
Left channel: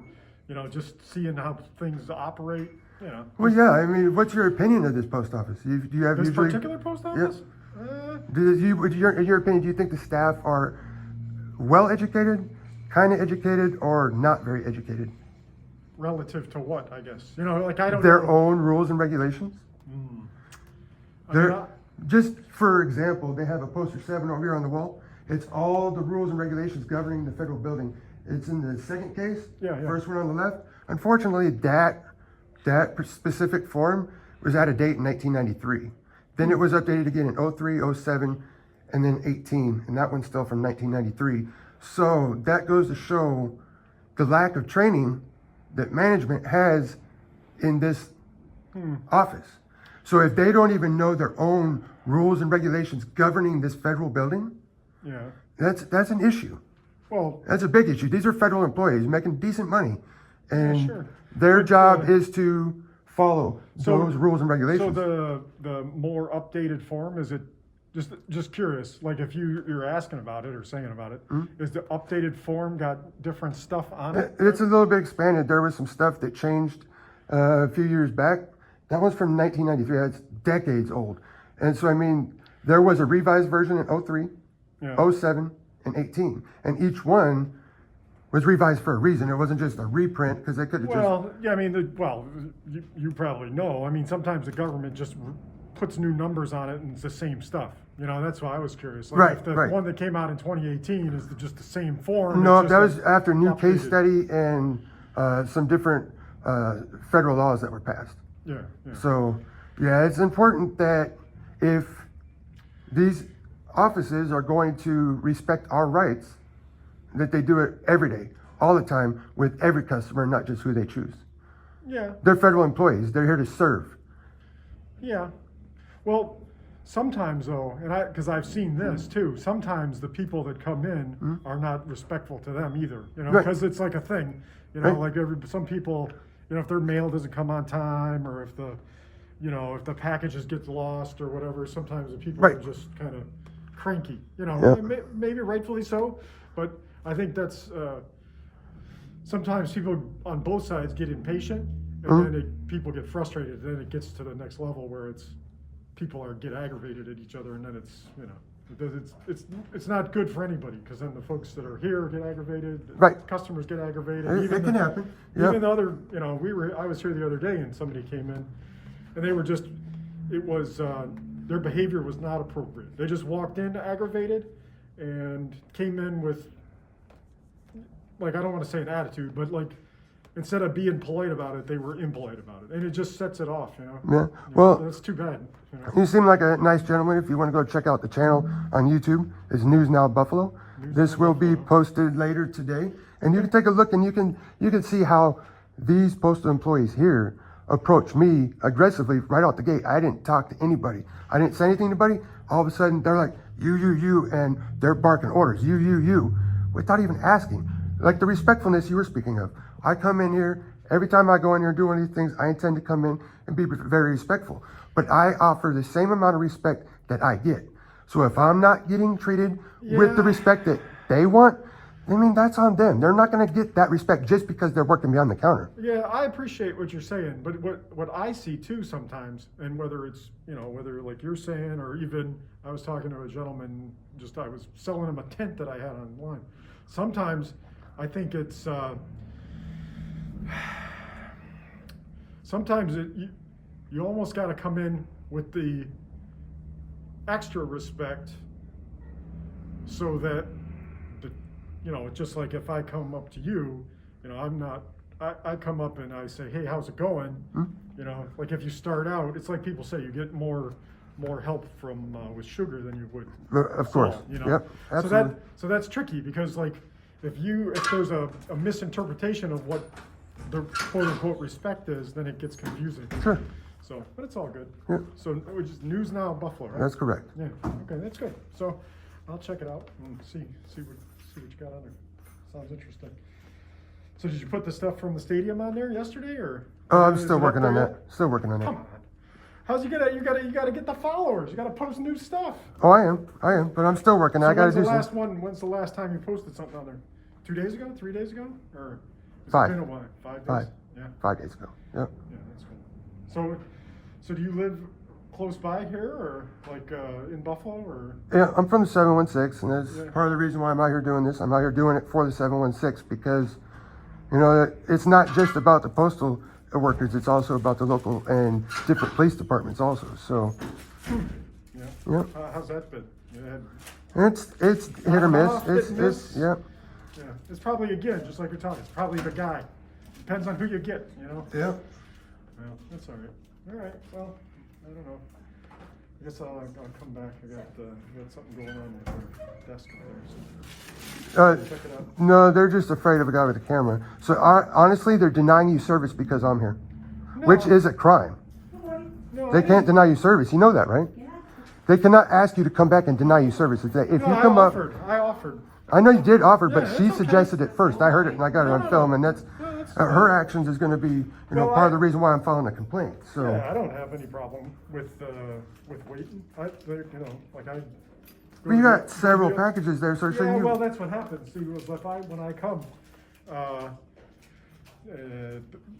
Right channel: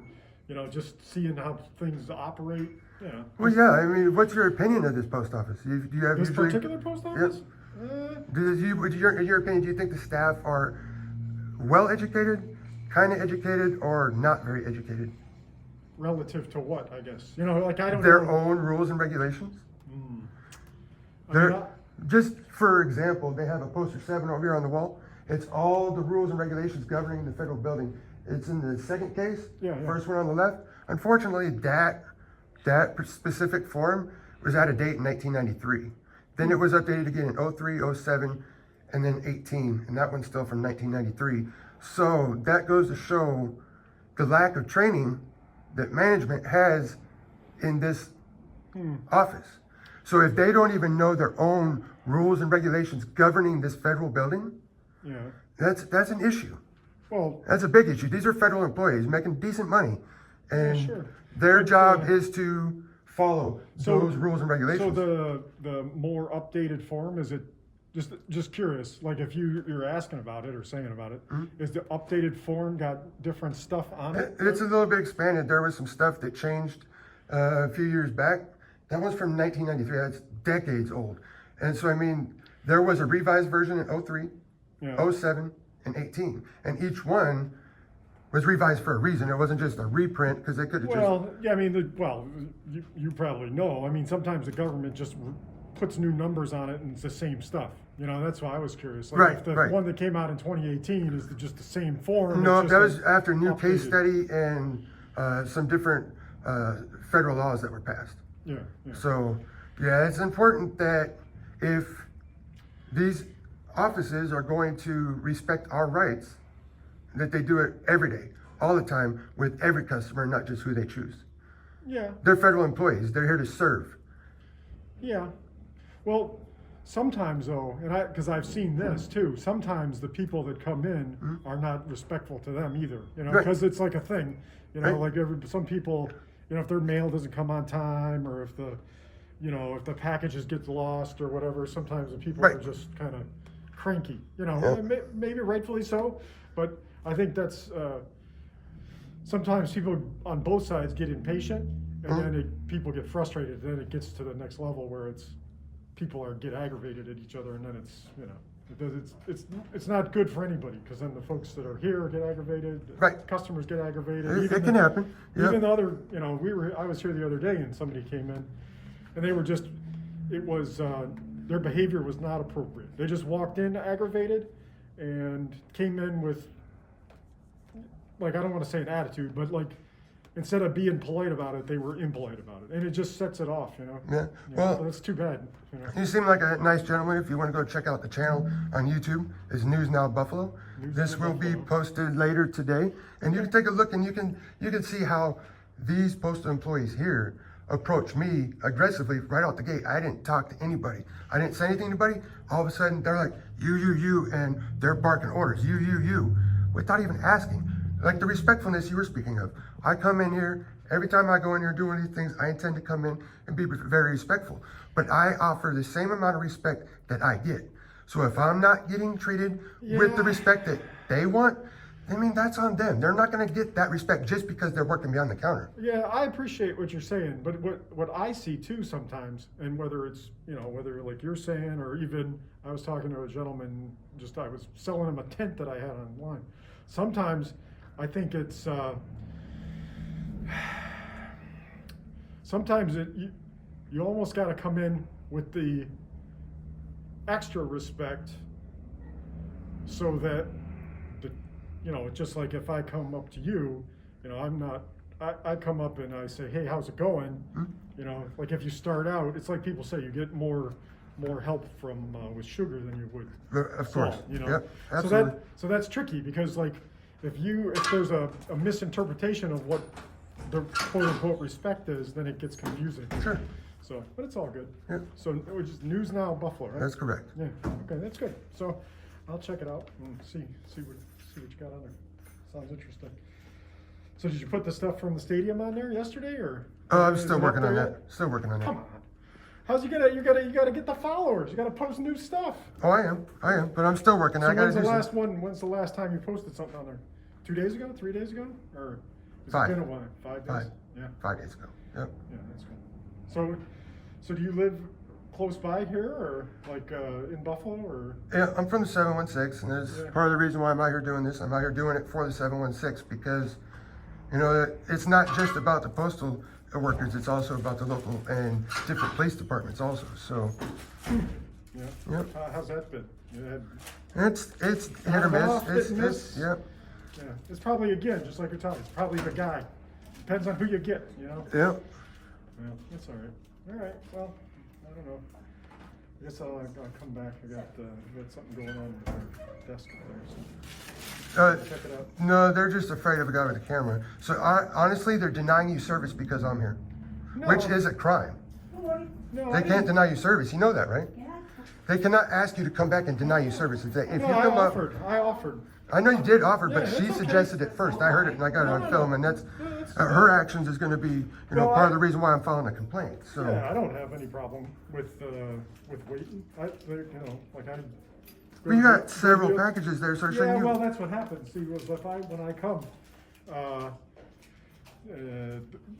you know, just seeing how things operate, you know. Well, yeah. I mean, what's your opinion of this post office? Do you have This usually? particular post office? In your opinion, do you think the staff are well educated, kind of educated, or not very educated? Relative to what, I guess? You know, like I don't Their know. own rules and regulations. I mean, They're, just for example, they have a poster 7 over here on the wall. It's all the rules and regulations governing the federal building. It's in the second case, Yeah, yeah. first one on the left. Unfortunately, that specific form was out of date in 1993. Then it was updated again in 03, 07, and then 18, and that one's still from 1993. So that goes to show the lack of training that management has in this office. So if they don't even know their own rules and regulations governing this federal building, yeah. that's an issue. Well, That's a big issue. These are federal employees making decent money, and sure. their But, job is to follow so- those rules and regulations. So the more updated form, is it, just curious, like if you're asking about it or saying about it, is the updated form got different stuff on it? It's a little bit expanded. There was some stuff that changed a few years back. That was from 1993. That's decades old. And so, I mean, there was a revised version in 03, Yeah. 07, and 18. And each one was revised for a reason. It wasn't just a reprint because they could have Well, yeah, I mean, you probably know. I mean, sometimes the government just puts new numbers on it and it's the same stuff. You know, that's why I was curious. Like Right, if the right. one that came out in 2018 is just the same form. No, it's that just was after new case updated. study and some different federal laws that were passed. Yeah, yeah. So, yeah, it's important that if these offices are going to respect our rights, that they do it every day, all the time, with every customer, not just who they choose. Yeah, They're federal employees. They're here to serve. yeah. Well, sometimes though, because I've seen this too, sometimes the people that come in are not respectful to them either, you know, Right. because it's like a thing, you know, Right. like some people, you know, if their mail doesn't come on time or if the packages get lost or whatever, sometimes the people Right. are just kind of cranky, you know, Yeah. and maybe rightfully so, but I think that's, sometimes people on both sides get impatient and then people get frustrated, and then it gets to the next level where people get aggravated at each other, and then it's, you know, it's not good for anybody, because then the folks that are here get aggravated, Right. customers get aggravated. It can happen. Yeah. Even the other, you know, I was here the other day and somebody came in and they were their behavior was not appropriate. They just walked in aggravated and came in with, like, I don't want to say an attitude, but like, instead of being polite about it, they were impolite about it. And it just sets it off, you know? Yeah. You know, Well, so that's too bad, you know? you seem like a nice gentleman. If you want to go check out the channel on YouTube, it's News Now Buffalo. This will be posted later today, and you can take a look and you can see how these postal employees here approach me aggressively right out the gate. I didn't talk to anybody. I didn't say anything to anybody. All of a sudden, they're like, you, and they're barking orders, you, without even asking. Like the respectfulness you were speaking of. I come in here, every time I go in here and do one of these things, I intend to come in and be very respectful. But I offer the same amount of respect that I get. So if I'm not getting treated with the respect that they want, I mean, that's on them. They're not going to get that respect just because they're working behind the counter. Yeah, I appreciate what you're saying, but what I see too sometimes, and whether it's, you know, whether like you're saying, or even I was talking to a gentleman, I was selling him a tent that I had online. Sometimes I think it's, sometimes you almost got to come in with the extra respect so that, you know, just like if I come up to you, you know, I come up and I say, hey, how's it going? You know, like if you start out, it's like people say, you get more help from with sugar than you would Of course. salt, you know. Yep, absolutely. So that's tricky, because like if there's a misinterpretation of what the quote unquote respect is, then it gets confusing. Sure. So, but it's all good. Yeah. So which is News Now Buffalo, right? That's correct. Yeah. Okay, that's good. So I'll check it out and see what you got on there. Sounds interesting. So did you put the stuff from the stadium on there yesterday, or? Oh, I'm is still it up working on there that. yet? Still working on that. Come on. How's you gotta get the followers? You gotta post new stuff. Oh, I am, but I'm still working. So I got to when's the do some. last one? When's the last time you posted something on there? 2 days ago? 3 days ago? Or has 5. it been a while? 5 days? 5. Yeah. 5 days ago. Yep. Yeah, that's cool. So do you live close by here, or like in Buffalo, or? Yeah, I'm from the 716, and that's Yeah. part of the reason why I'm out here doing this. I'm out here doing it for the 716 because, you know, it's not just about the postal workers, it's also about the local and different police departments also. So, Yeah. yeah, How's that been? You had, it's hit or miss. off, hit and miss. It's yeah, yeah. It's probably, again, just like you're talking, it's probably the guy. Depends on who you get, you know? yeah. Well, that's all right. All right, well, I don't know. I guess I'll come back. I got something going on with our desk up there, so check it out. No, they're just afraid of a guy with a camera. So honestly, they're denying you service because I'm here, which is a crime. No, They can't deny you service. You know that, right? Yeah. They cannot ask you to come back and deny you service. If you No, come up, I offered. I know you did offer, but Yeah, she it's okay. suggested it first. I heard it and I got it on No, film, and that's her actions is going to be, you know, Well, part of the reason why I'm filing a complaint. So Yeah, I don't have any problem with waiting. You know, like I. well, you got several packages there, so Yeah, shouldn't you? well, that's what happens. See, was when I come,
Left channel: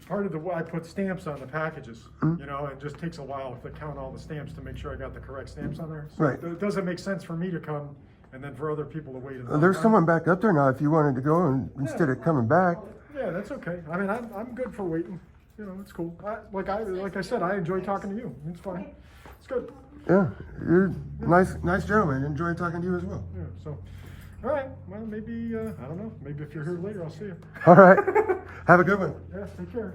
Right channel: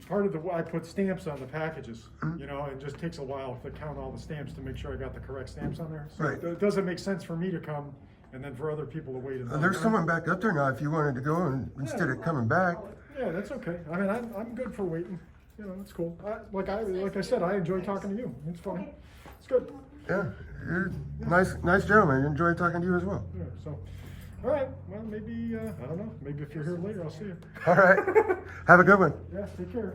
part of I put stamps on the packages, you know, it just takes a while to count all the stamps to make sure I got the correct stamps on there. So Right. it doesn't make sense for me to come and then for other people to wait. There's someone back up there now if you wanted to go and instead of coming back. Yeah, that's okay. I mean, I'm good for waiting. You know, it's cool. Like I said, I enjoy talking to you. It's fine. It's good. Yeah, you're nice gentleman. Enjoy talking to you as well. Yeah. So, all right. Well, maybe I don't know. Maybe if you're here later, I'll see you. All right. Have a good one. Yeah. Take care.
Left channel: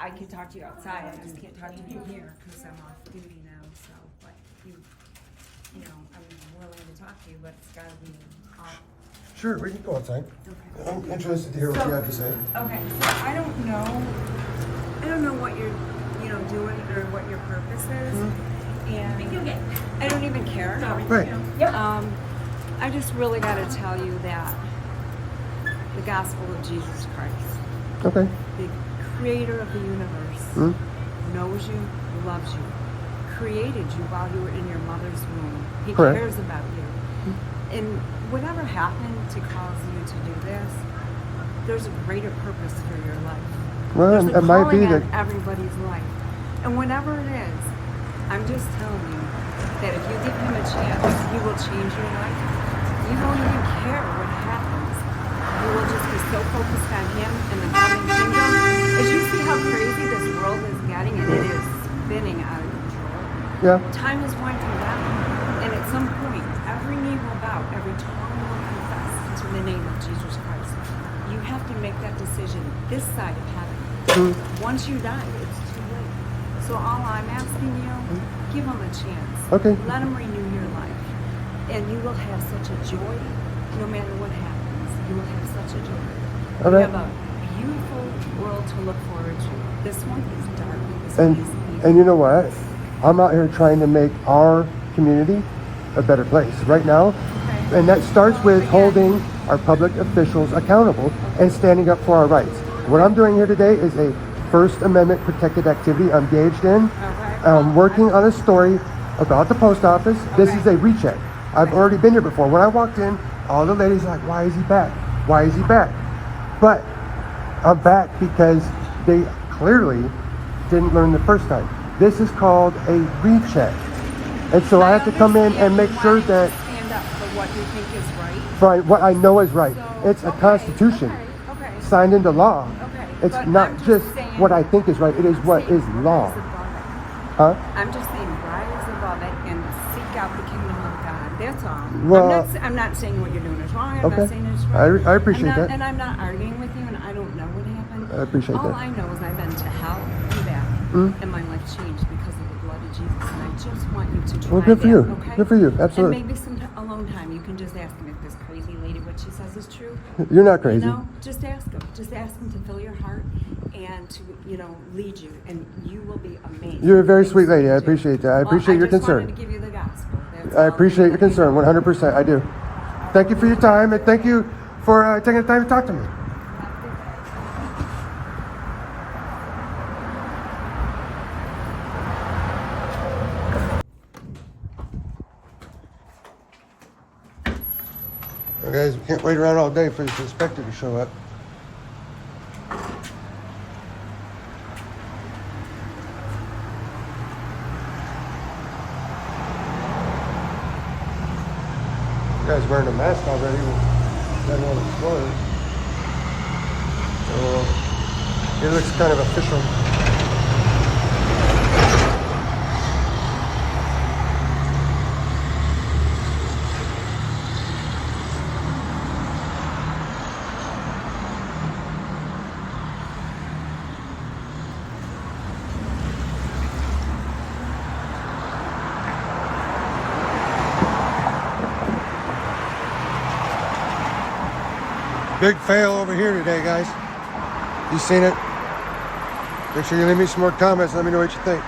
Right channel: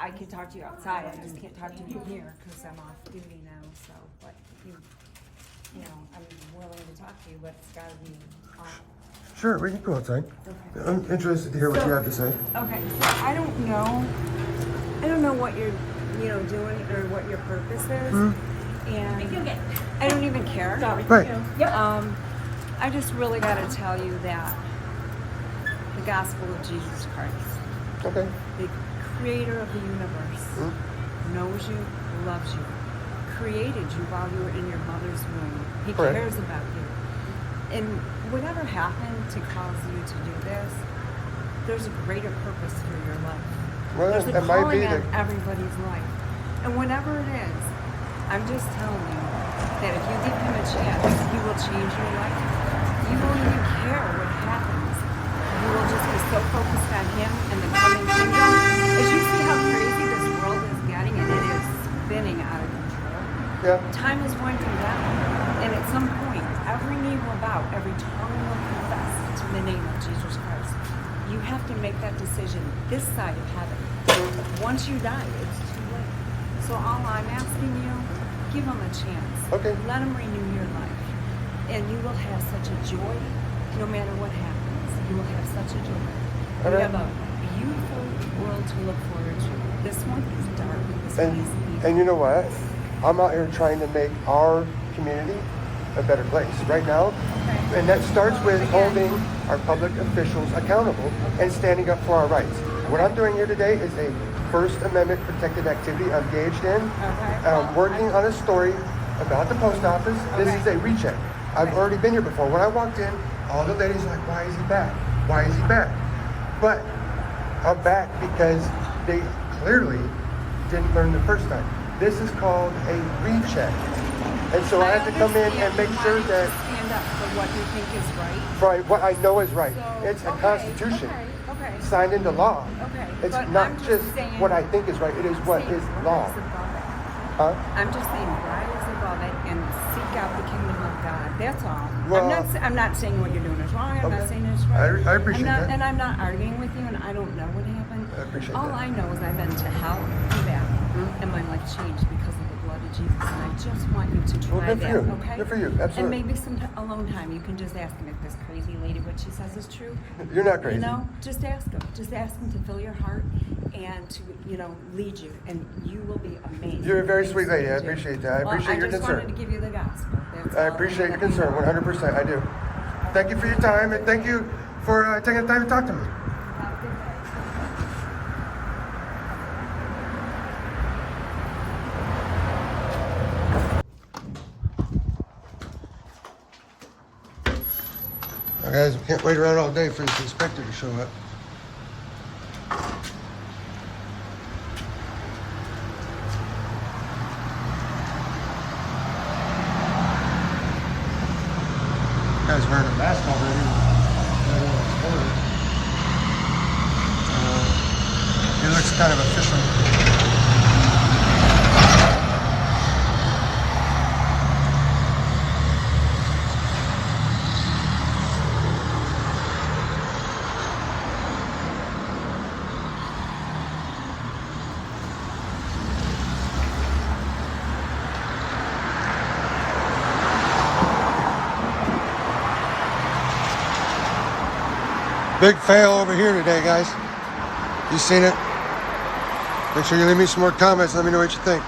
I could talk to you outside, I just can't talk to you here because I'm off duty now, so, but you know, I'm willing to talk to you, but it's gotta be off. Sure, we can go outside. Okay. I'm interested to hear what you have to say. Okay, so I don't know what you're, you know, doing or what your purpose is, and I don't even care. Right. I just really gotta tell you that the gospel of Jesus Christ, Okay. the creator of the universe, knows you, loves you, created you while you were in your mother's womb. He Correct. cares about you. And whatever happened to cause you to do this, there's a greater purpose for your life. Well, There's a it might be calling on that. everybody's life. And whatever it is, I'm just telling you that if you give him a chance, he will change your life. You won't even care what happens. You will just be so focused on him and the coming kingdom. As you see how crazy this world is getting, and it is spinning out of control. Yeah. Time is winding down. And at some point, every knee will bow, every tongue will confess to the name of Jesus Christ. You have to make that decision this side of heaven. Once you die, it's too late. So all I'm asking you, give him a chance. Okay. Let him renew your life. And you will have such a joy, no matter what happens. You will have such a joy. You Okay. have a beautiful world to look forward to. This one is dark. This one is evil. And you know what? I'm out here trying to make our community a better place right now. Okay. And that starts Well, with again- holding our public officials accountable and standing up for our rights. What I'm doing here today is a First Amendment protected activity I'm engaged in. Okay. I'm Well, working on a story about the post office. This Okay. is a recheck. I've Okay. already been here before. When I walked in, all the ladies were like, why is he back? Why is he back? But I'm back because they clearly didn't learn the first time. This is called a recheck. And so I have to come in and make sure that stand up for what you think is right. right, what I know is right. So, It's a okay, constitution okay. signed into law. Okay, It's but not I'm just saying, what I think is right, it is I'm what saying is law. rise above it. Huh? I'm just saying rise above it and seek out the kingdom of God. That's all. Well- I'm not saying what you're doing is wrong. I'm Okay. not saying it's right. I appreciate I'm not, that. And I'm not arguing with you, and I don't know what happened. I appreciate all that. I know is I've been to hell and back, and my life changed because of the blood of Jesus. And I just want you to try Well, good for that, you. okay? Good for you. And Absolutely. maybe some alone time, you can just ask him if this crazy lady, what she says is true. You're not crazy. You know, just ask him. Just ask him to fill your heart and to, you know, lead you, and you will be amazed. You're a very sweet Things lady. I you do. appreciate that. I Well, appreciate your I just concern. wanted to give you the gospel. That's I all. appreciate your Let you concern, know. 100%. I do. Thank you for your time, and thank you for taking the time to talk to me. Have a good day. Now, guys, we can't wait around all day for this inspector to show up. You guys wearing a mask already. I know it's closed. It looks kind of official. Big fail over here today, guys. You seen it? Make sure you leave me some more comments. Let me know what you think.